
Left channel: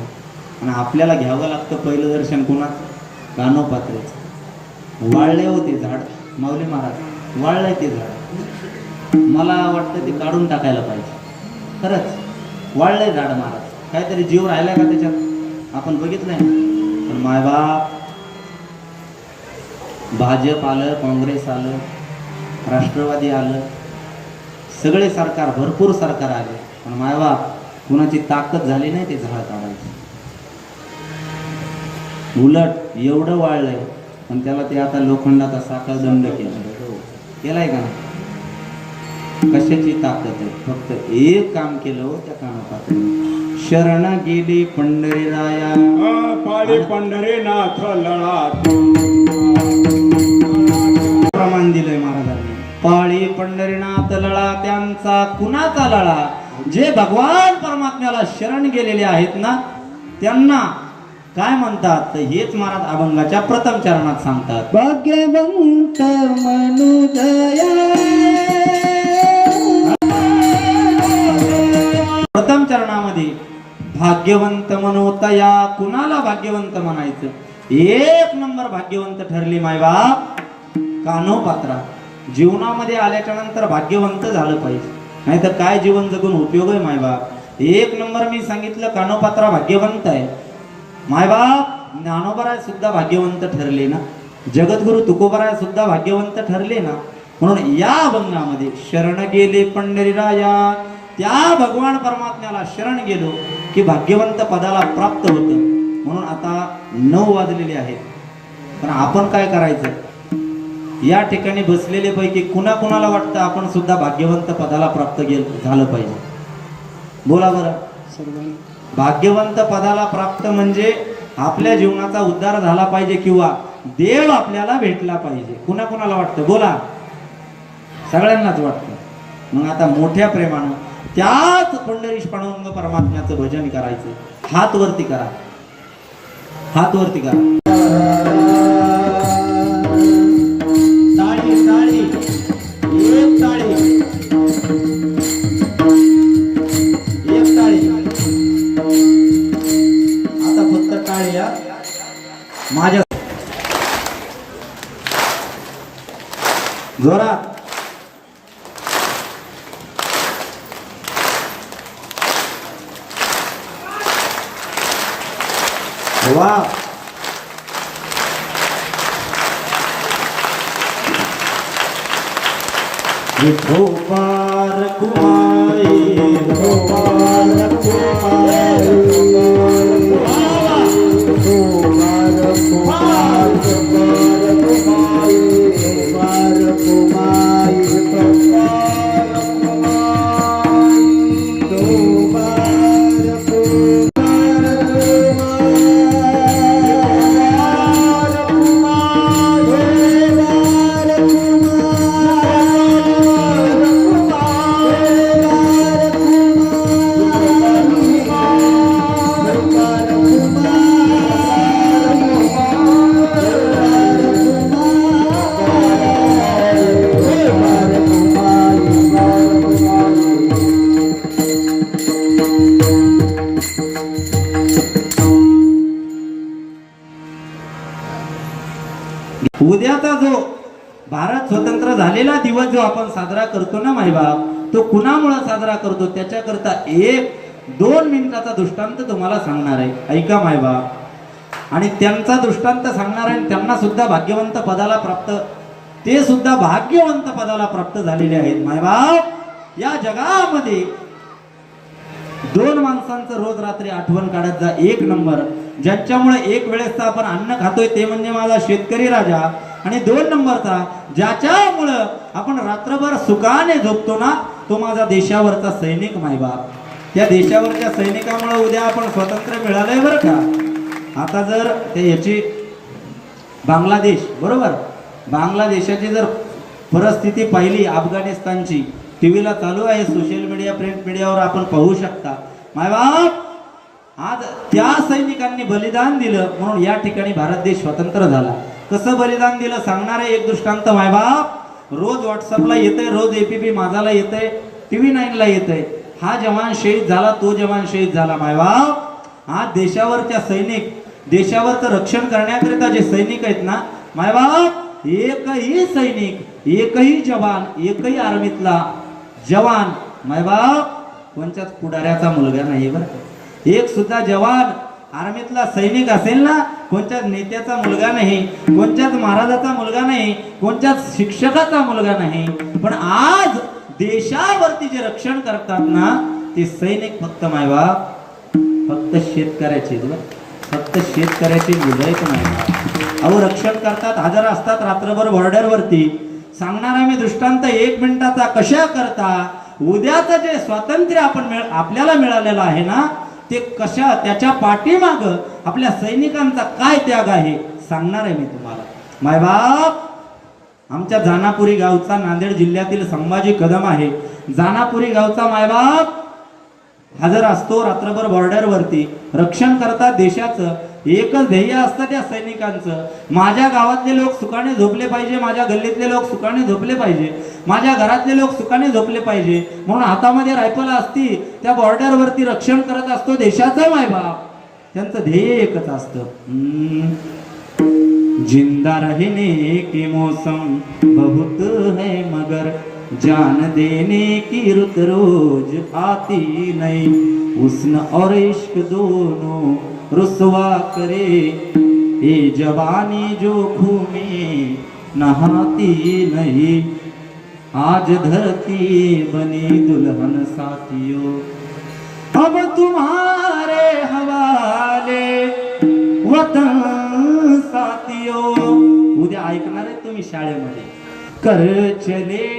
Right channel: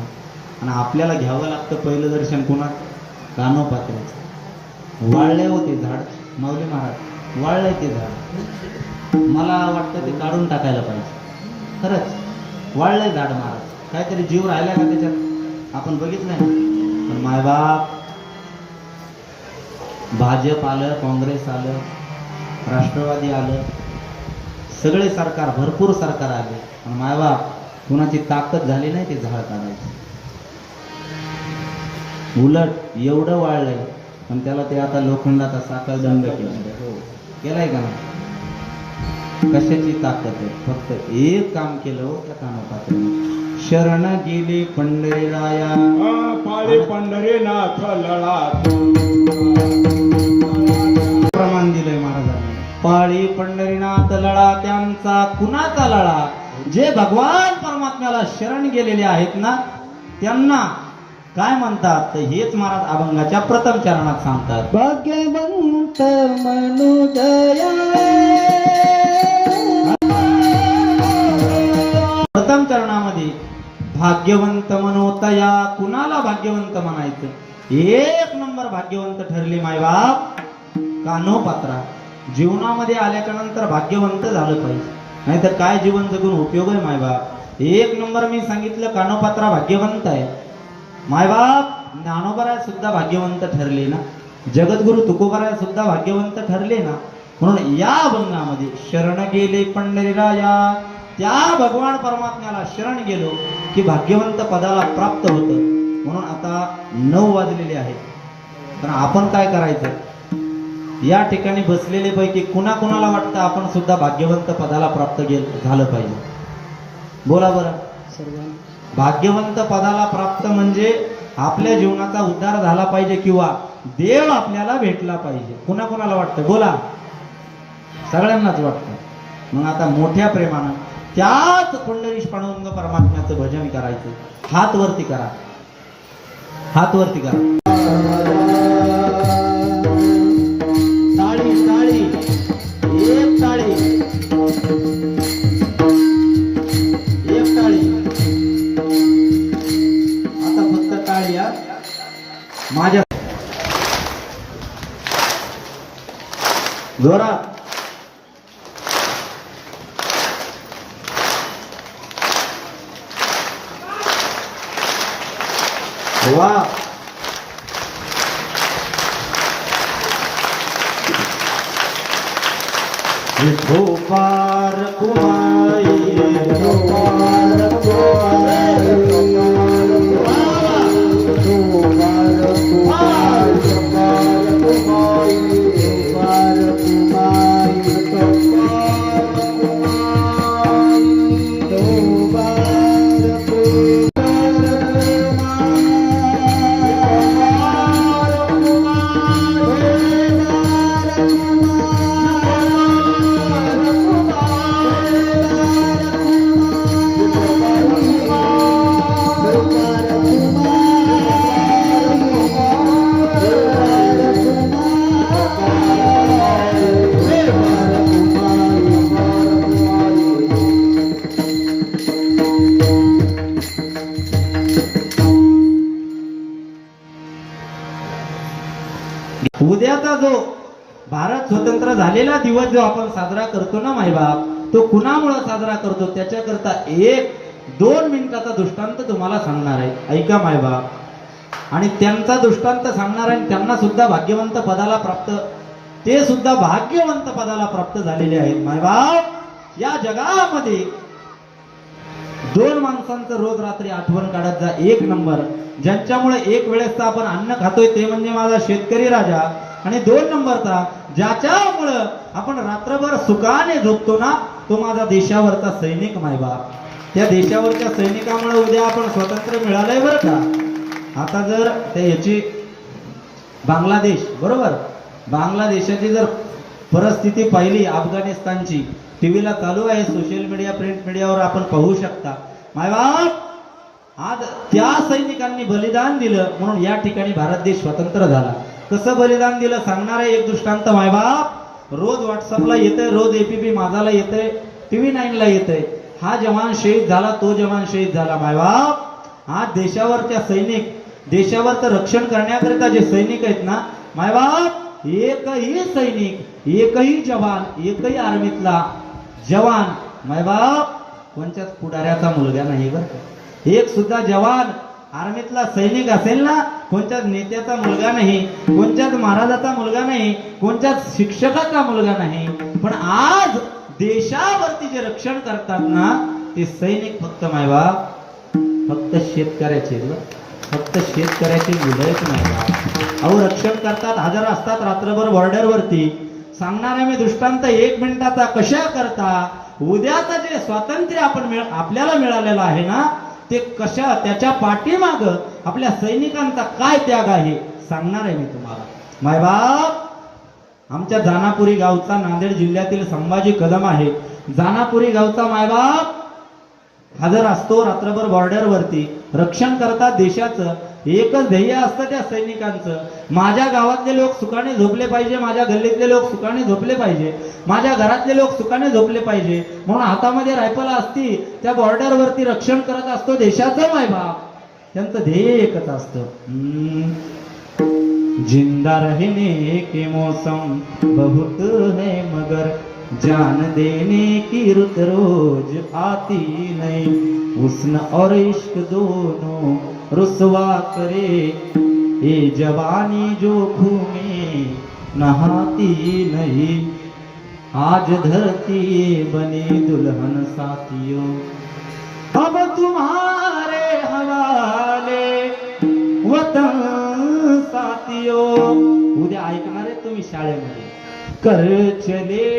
आणि आपल्याला घ्यावं लागतं पहिलं दर्शन कुणाचं? कानोपात्रेचं. वाळले होते झाड, माऊली महाराज वाळले ते झाड. मला वाटतं ते काढून टाकायला पाहिजे. खरंच वाळलंय झाड महाराज, काहीतरी जीव राहिला का त्याच्यात? आपण बघितलं नाही. पण मायबाप भाजप आलं, काँग्रेस आलं, राष्ट्रवादी आलं, सगळे सरकार भरपूर सरकार आले, पण मायबाप कुणाची ताकद झाली नाही ते झाड काढायचं. उलट एवढं वाळलंय पण त्याला ते आता लोखंडाचा साखळ दंड केलाय का? कशाची ताकद आहे? फक्त एक काम केलं हो त्या कानोपात्रेने. शरण गेली पंढरीराया, पाळी पंढरीनाथ लळा. प्रमाण दिलंय महाराजांनी. पाळी पंढरीनाथ लळा, त्यांचा कुणाचा लळा? जे भगवान परमात्म्याला शरण गेलेले आहेत ना त्यांना काय म्हणतात? तर हेच महाराज अभंगाच्या प्रथम चरणात सांगतात. भाग्यवंत मनुदया. प्रथम चरणामध्ये भाग्यवंत मनोतया. कुणाला भाग्यवंत म्हणायचं? एक नंबर भाग्यवंत ठरली मायबाप कानोपात्रा. जीवनामध्ये आल्याच्या नंतर भाग्यवंत झालं पाहिजे, नाहीतर काय जीवन जगून उपयोग आहे मायबाप. एक नंबर मी सांगितलं कानोपात्रा भाग्यवंत आहे. मायबाप ज्ञानोबराय सुद्धा भाग्यवंत ठरले ना, जगद्गुरु तुकोबराय सुद्धा भाग्यवंत ठरले ना. म्हणून या अभंगामध्ये शरण गेले पंढरीराया, त्या भगवान परमात्म्याला शरण गेलो की भाग्यवंत पदाला प्राप्त होतं. म्हणून आता 9 वाजलेले आहेत, पण आपण काय करायचं? या ठिकाणी बसलेले पैकी कुणाला वाटतं आपण सुद्धा भाग्यवंत पदाला प्राप्त झालं पाहिजे? बोला बरं. भाग्यवंत पदाला प्राप्त म्हणजे आपल्या जीवनाचा उद्धार झाला पाहिजे किंवा देव आपल्याला भेटला पाहिजे. कुणाला वाटतं? बोला. सगळ्यांनाच वाटतं. मग आता मोठ्या प्रेमानं त्याच पंढरीश पांडुरंग परमात्म्याचं भजन करायचं. हात वरती करा, हात वरती करा. टाळी टाळी, एक टाळी, एक टाळी. आता फक्त टाळी हा. माझ्या जोरात. वा विठोबार कुमाई विठोबार कुमाई उद्याचा जो भारत स्वतंत्र झालेला दिवस जो आपण साजरा करतो ना मायबाप, तो कुणामुळे साजरा करतो त्याच्याकरता 1-2 मिनिटाचा दृष्टांत तुम्हाला सांगणार आहे. ऐका मायबाप, आणि त्यांचा दृष्टांत सांगणार आहे. त्यांना सुद्धा भाग्यवंत पदाला प्राप्त, ते सुद्धा भाग्यवंत पदाला प्राप्त झालेले आहेत. मायबाप, या जगामध्ये 2 माणसांचं रोज रात्री आठवण काढत जा. 1 नंबर, ज्यांच्यामुळे एक वेळेस आपण अन्न खातोय ते म्हणजे माझा शेतकरी राजा. आणि 2 नंबरचा, ज्याच्यामुळं आपण रात्रभर सुखाने झोपतो ना, तो माझा देशावरचा सैनिक मायबाप. त्या देशावरच्या सैनिकामुळे उद्या आपण स्वातंत्र्य मिळालंय बरं का. आता जर ते याची बांगलादेश, बरोबर, बांगलादेशाची जर परिस्थिती पाहिली, अफगाणिस्तानची, टीव्हीला चालू आहे, सोशल मीडिया, प्रिंट मीडियावर आपण पाहू शकता मायबाप. आज त्या सैनिकांनी बलिदान दिलं म्हणून या ठिकाणी भारत देश स्वतंत्र झाला. कसं बलिदान दिलं सांगणार आहे एक दृष्टांत मायबाप. रोज व्हॉट्सअपला येतंय, रोज APP माझाला येतंय, TV9 ला येतंय. हा जवान शहीद झाला, तो जवान शहीद झाला मायबाप. आज देशावरच्या सैनिक, देशावरचं रक्षण करण्याकरिता जे सैनिक आहेत ना मायबाप, एकही सैनिक, एकही जवान, एकही आर्मीतला जवान मायबाप कोणत्याच पुढाऱ्याचा मुलगा नाही बरं का. एक सुद्धा जवान आर्मीतला सैनिक असेल ना, कोणत्याच नेत्याचा मुलगा नाही, कोणत्याच महाराजाचा मुलगा नाही, कोणत्याच शिक्षकाचा मुलगा नाही. पण आज देशावरती जे रक्षण करतात ना, ते सैनिक फक्त मायबाप, फक्त शेतकऱ्याचे, फक्त शेतकऱ्याचे मुलं पण आहेत. अहो रक्षण करतात, हजर असतात रात्रभर बॉर्डरवरती. सांगणार आम्ही दृष्टांत 1 मिनिटाचा. कशा करता? उद्याचं जे स्वातंत्र्य आपल्याला मिळालेलं आहे ना, ते कशा, त्याच्या पाठीमाग आपल्या सैनिकांचा काय त्याग आहे सांगणार आहे मी तुम्हाला मायबाप. आमच्या जानापुरी गावचा, नांदेड जिल्ह्यातील संभाजी कदम आहे, जानापुरी गावचा मायबाप हजर असतो रात्रभर बॉर्डरवरती. रक्षण करतात देशाचं. एकच ध्येय असतं त्या सैनिकांचं, माझ्या गावातले लोक सुखाने झोपले पाहिजे, माझ्या गल्लीतले लोक सुखाने झोपले पाहिजे, माझ्या घरातले लोक सुखाने झोपले पाहिजे. म्हणून हातामध्ये रायफल असती, त्या बॉर्डरवरती रक्षण करत असतो देशाचं मायबाप. त्यांचं ध्येय एकच असतं, जिंदा रहने के मौसम बहुत है मगर जान देने की रुत रोज आती नहीं. हुस्न और इश्क दोनों रुसवा करे, ये जवानी जो घूमे नहाती नहीं. आज धरती बनी दुल्हन साथियों, अब तुम्हारे हवाले वतन साथियों. उद्या ऐकणार आहे तुम्ही शाळेमध्ये, कर चले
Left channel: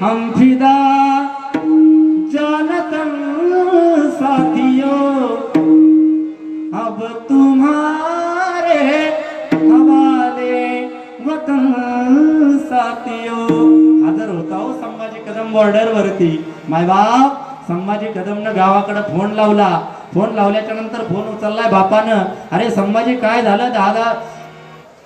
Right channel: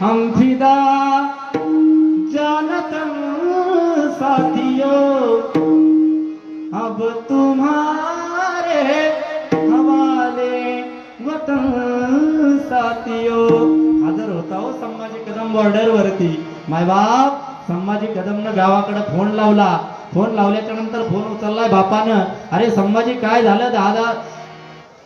हम फिदा जानतन साथियों, अब तुम्हारे हवाले वतन साथियों. हजर होता हो संभाजी कदम बॉर्डरवरती मायबाप. संभाजी कदमनं गावाकडे फोन लावला. फोन लावल्याच्या नंतर फोन उचललाय बापानं. अरे संभाजी काय झालं,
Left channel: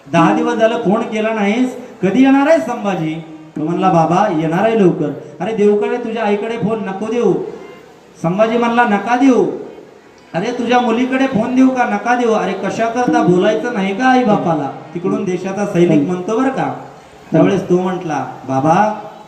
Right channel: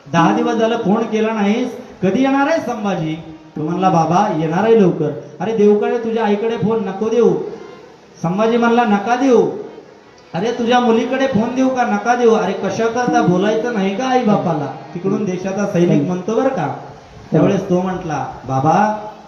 10 दिवस झालं फोन केला नाहीस, कधी येणार आहे संभाजी? तो म्हणला बाबा येणार आहे लवकर. अरे देऊकडे तुझ्या आईकडे फोन नको देऊ. संभाजी म्हणला नका देऊ. अरे तुझ्या मुलीकडे फोन देऊ का? नका देऊ. अरे कशा करता, बोलायचं नाही का आई बापाला? तिकडून देशाचा सैनिक म्हणतो बरं का. त्यावेळेस तो म्हटला बाबा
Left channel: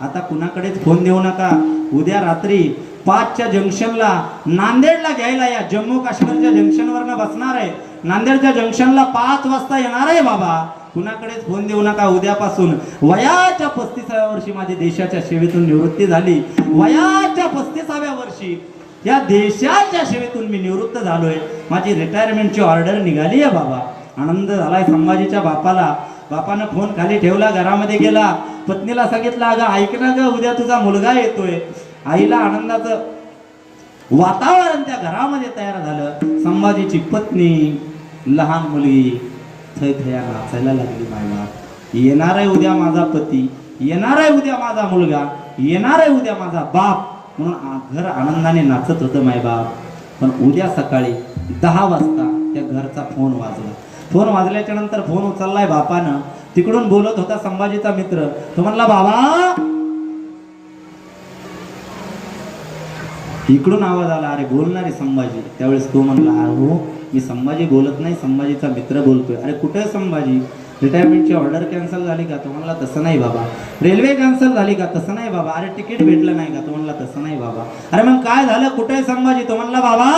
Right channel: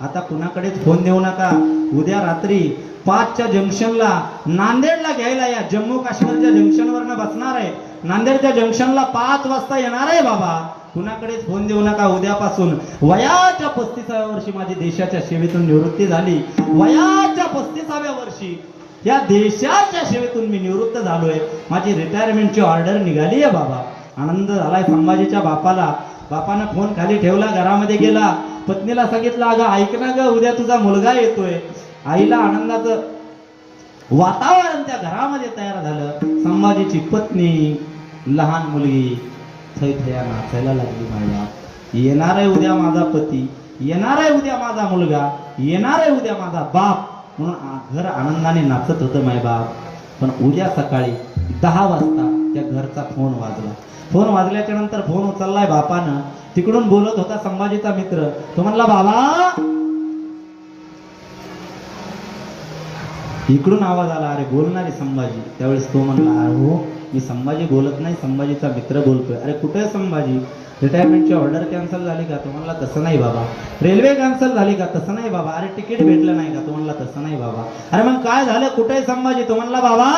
आता कुणाकडेच फोन देऊ नका, उद्या रात्री 5च्या जंक्शनला नांदेडला घ्यायला या. जम्मू काश्मीरच्या जंक्शनवरनं बसणार आहे. नांदेडच्या जंक्शनला 5 वाजता येणार आहे बाबा. कुणाकडेच फोन देऊ नका. उद्यापासून वयाच्या 35व्या वर्षी माझी देशाच्या सेवेतून निवृत्ती झाली. वयाच्या 35व्या वर्षी या देशाच्या सेवेतून मी निवृत्त झालोय. माझी रिटायरमेंटची ऑर्डर निघाली आहे बाबा. आनंद झालाय संभाजीच्या बापाला. बापानं फोन खाली ठेवला, घरामध्ये गेला, पत्नीला सांगितलं, अगं ऐक ना ग, उद्या तुझा मुलगा येतोय. आईला आनंदाचं वातावरण त्या घरामध्ये तयार झालं. संभाजीची पत्नी, लहान मुलगी थैथया नाचायला लागली. मायला येणार आहे उद्या माझा पती, येणार आहे उद्या माझा मुलगा, येणार आहे उद्या माझा बाप म्हणून घर आनंदाने नाचत होतं माय बाप. पण उद्या सकाळी 10 वाजता त्या घरचा फोन वाजला. फोन वाजल्याच्या नंतर फोन उचललाय बापानं. तिकडून बोलत होता संभाजीचा मित्र. तो म्हणला, बाबा. इकडून आवाज आला, अरे बोलणारे संभाजी. त्यावेळेस तो म्हणला, हो मी संभाजी बोलत नाही, संभाजीचा मित्र बोलतोय. अरे कुठे संभाजी? रिटायरमेंटची ऑर्डर कॅन्सल झाली का? तो म्हणला, तसं नाही बाबा. रेल्वे कॅन्सल झाली का? तसं नाही बाबा. अरे तिकीट भेटलं नाही का? तो म्हणला, तसं नाही बाबा. अरे मग काय झालं? कुठे संभाजी? तो म्हणला, बाबा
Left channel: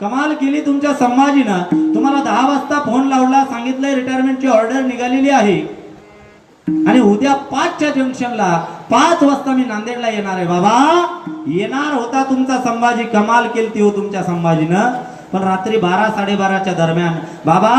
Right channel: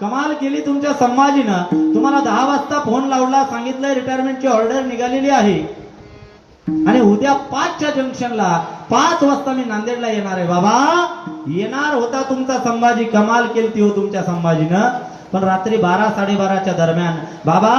कमाल केली तुमच्या संभाजीनं. तुम्हाला 10 वाजता फोन लावला, सांगितलंय रिटायरमेंटची ऑर्डर निघालेली आहे आणि उद्या 5च्या जंक्शनला 5 वाजता मी नांदेडला येणार आहे. बाबा येणार होता तुमचा संभाजी. कमाल केली हो तुमच्या संभाजीनं. पण रात्री 12-12:30च्या दरम्यान बाबा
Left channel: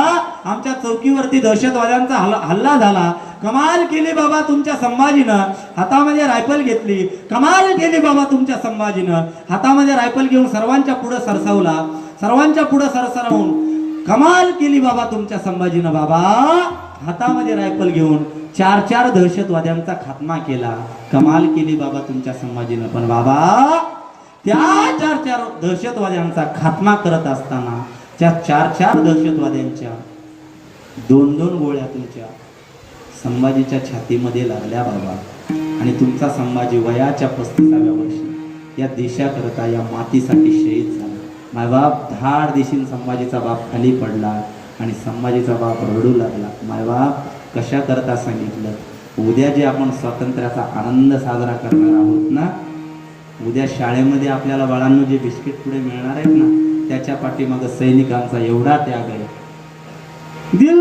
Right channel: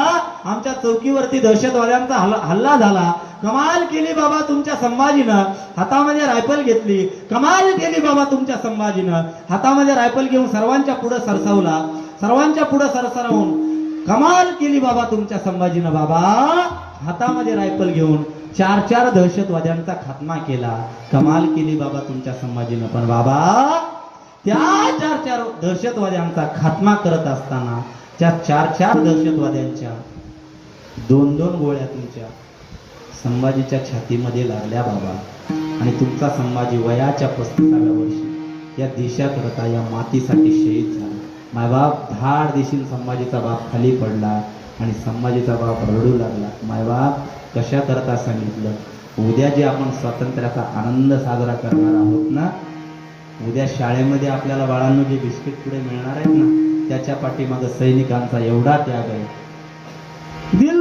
आमच्या चौकीवरती दहशतवाद्यांचा हल्ला झाला. कमाल केली बाबा तुमच्या संभाजीनं. हातामध्ये रायफल घेतली. कमाल केली बाबा तुमच्या संभाजीनं. हातामध्ये रायफल घेऊन सर्वांच्या पुढे सरसावला. सर्वांच्या पुढे सरसरावून कमाल केली बाबा तुमच्या संभाजीनं. बाबा हातामध्ये रायफल घेऊन 4 दहशतवाद्यांचा खात्मा केला. कमाल केली बाबा तुमच्या संभाजीनं. पण बाबा त्या 4 दहशतवाद्यांचा खात्मा करत असताना त्या 4 दहशतवाद्यांच्या 2 गोळ्या तुमच्या संभाजीच्या छातीमध्ये लागल्या बाबा. आणि तुमचा संभाजी वयाच्या 35व्या वर्षी या देशाकरता, या मातीसाठी शहीद झाला. मायबाप धाड देशील संभाजीचा बाप खाली पडला आणि संभाजीचा बाप रडू लागला. मायबाप कशा करता सांगितलं, उद्या जे आपण स्वातंत्र्याचा आनंद साजरा करणार आहोत ना, उद्या शाळेमध्ये आपल्याला बाळांनो जे बिस्किट पुढे मिळणार आहेत ना, त्याच्या पाठीमागं सैनिकांचा एवढा त्याग आहे. दिल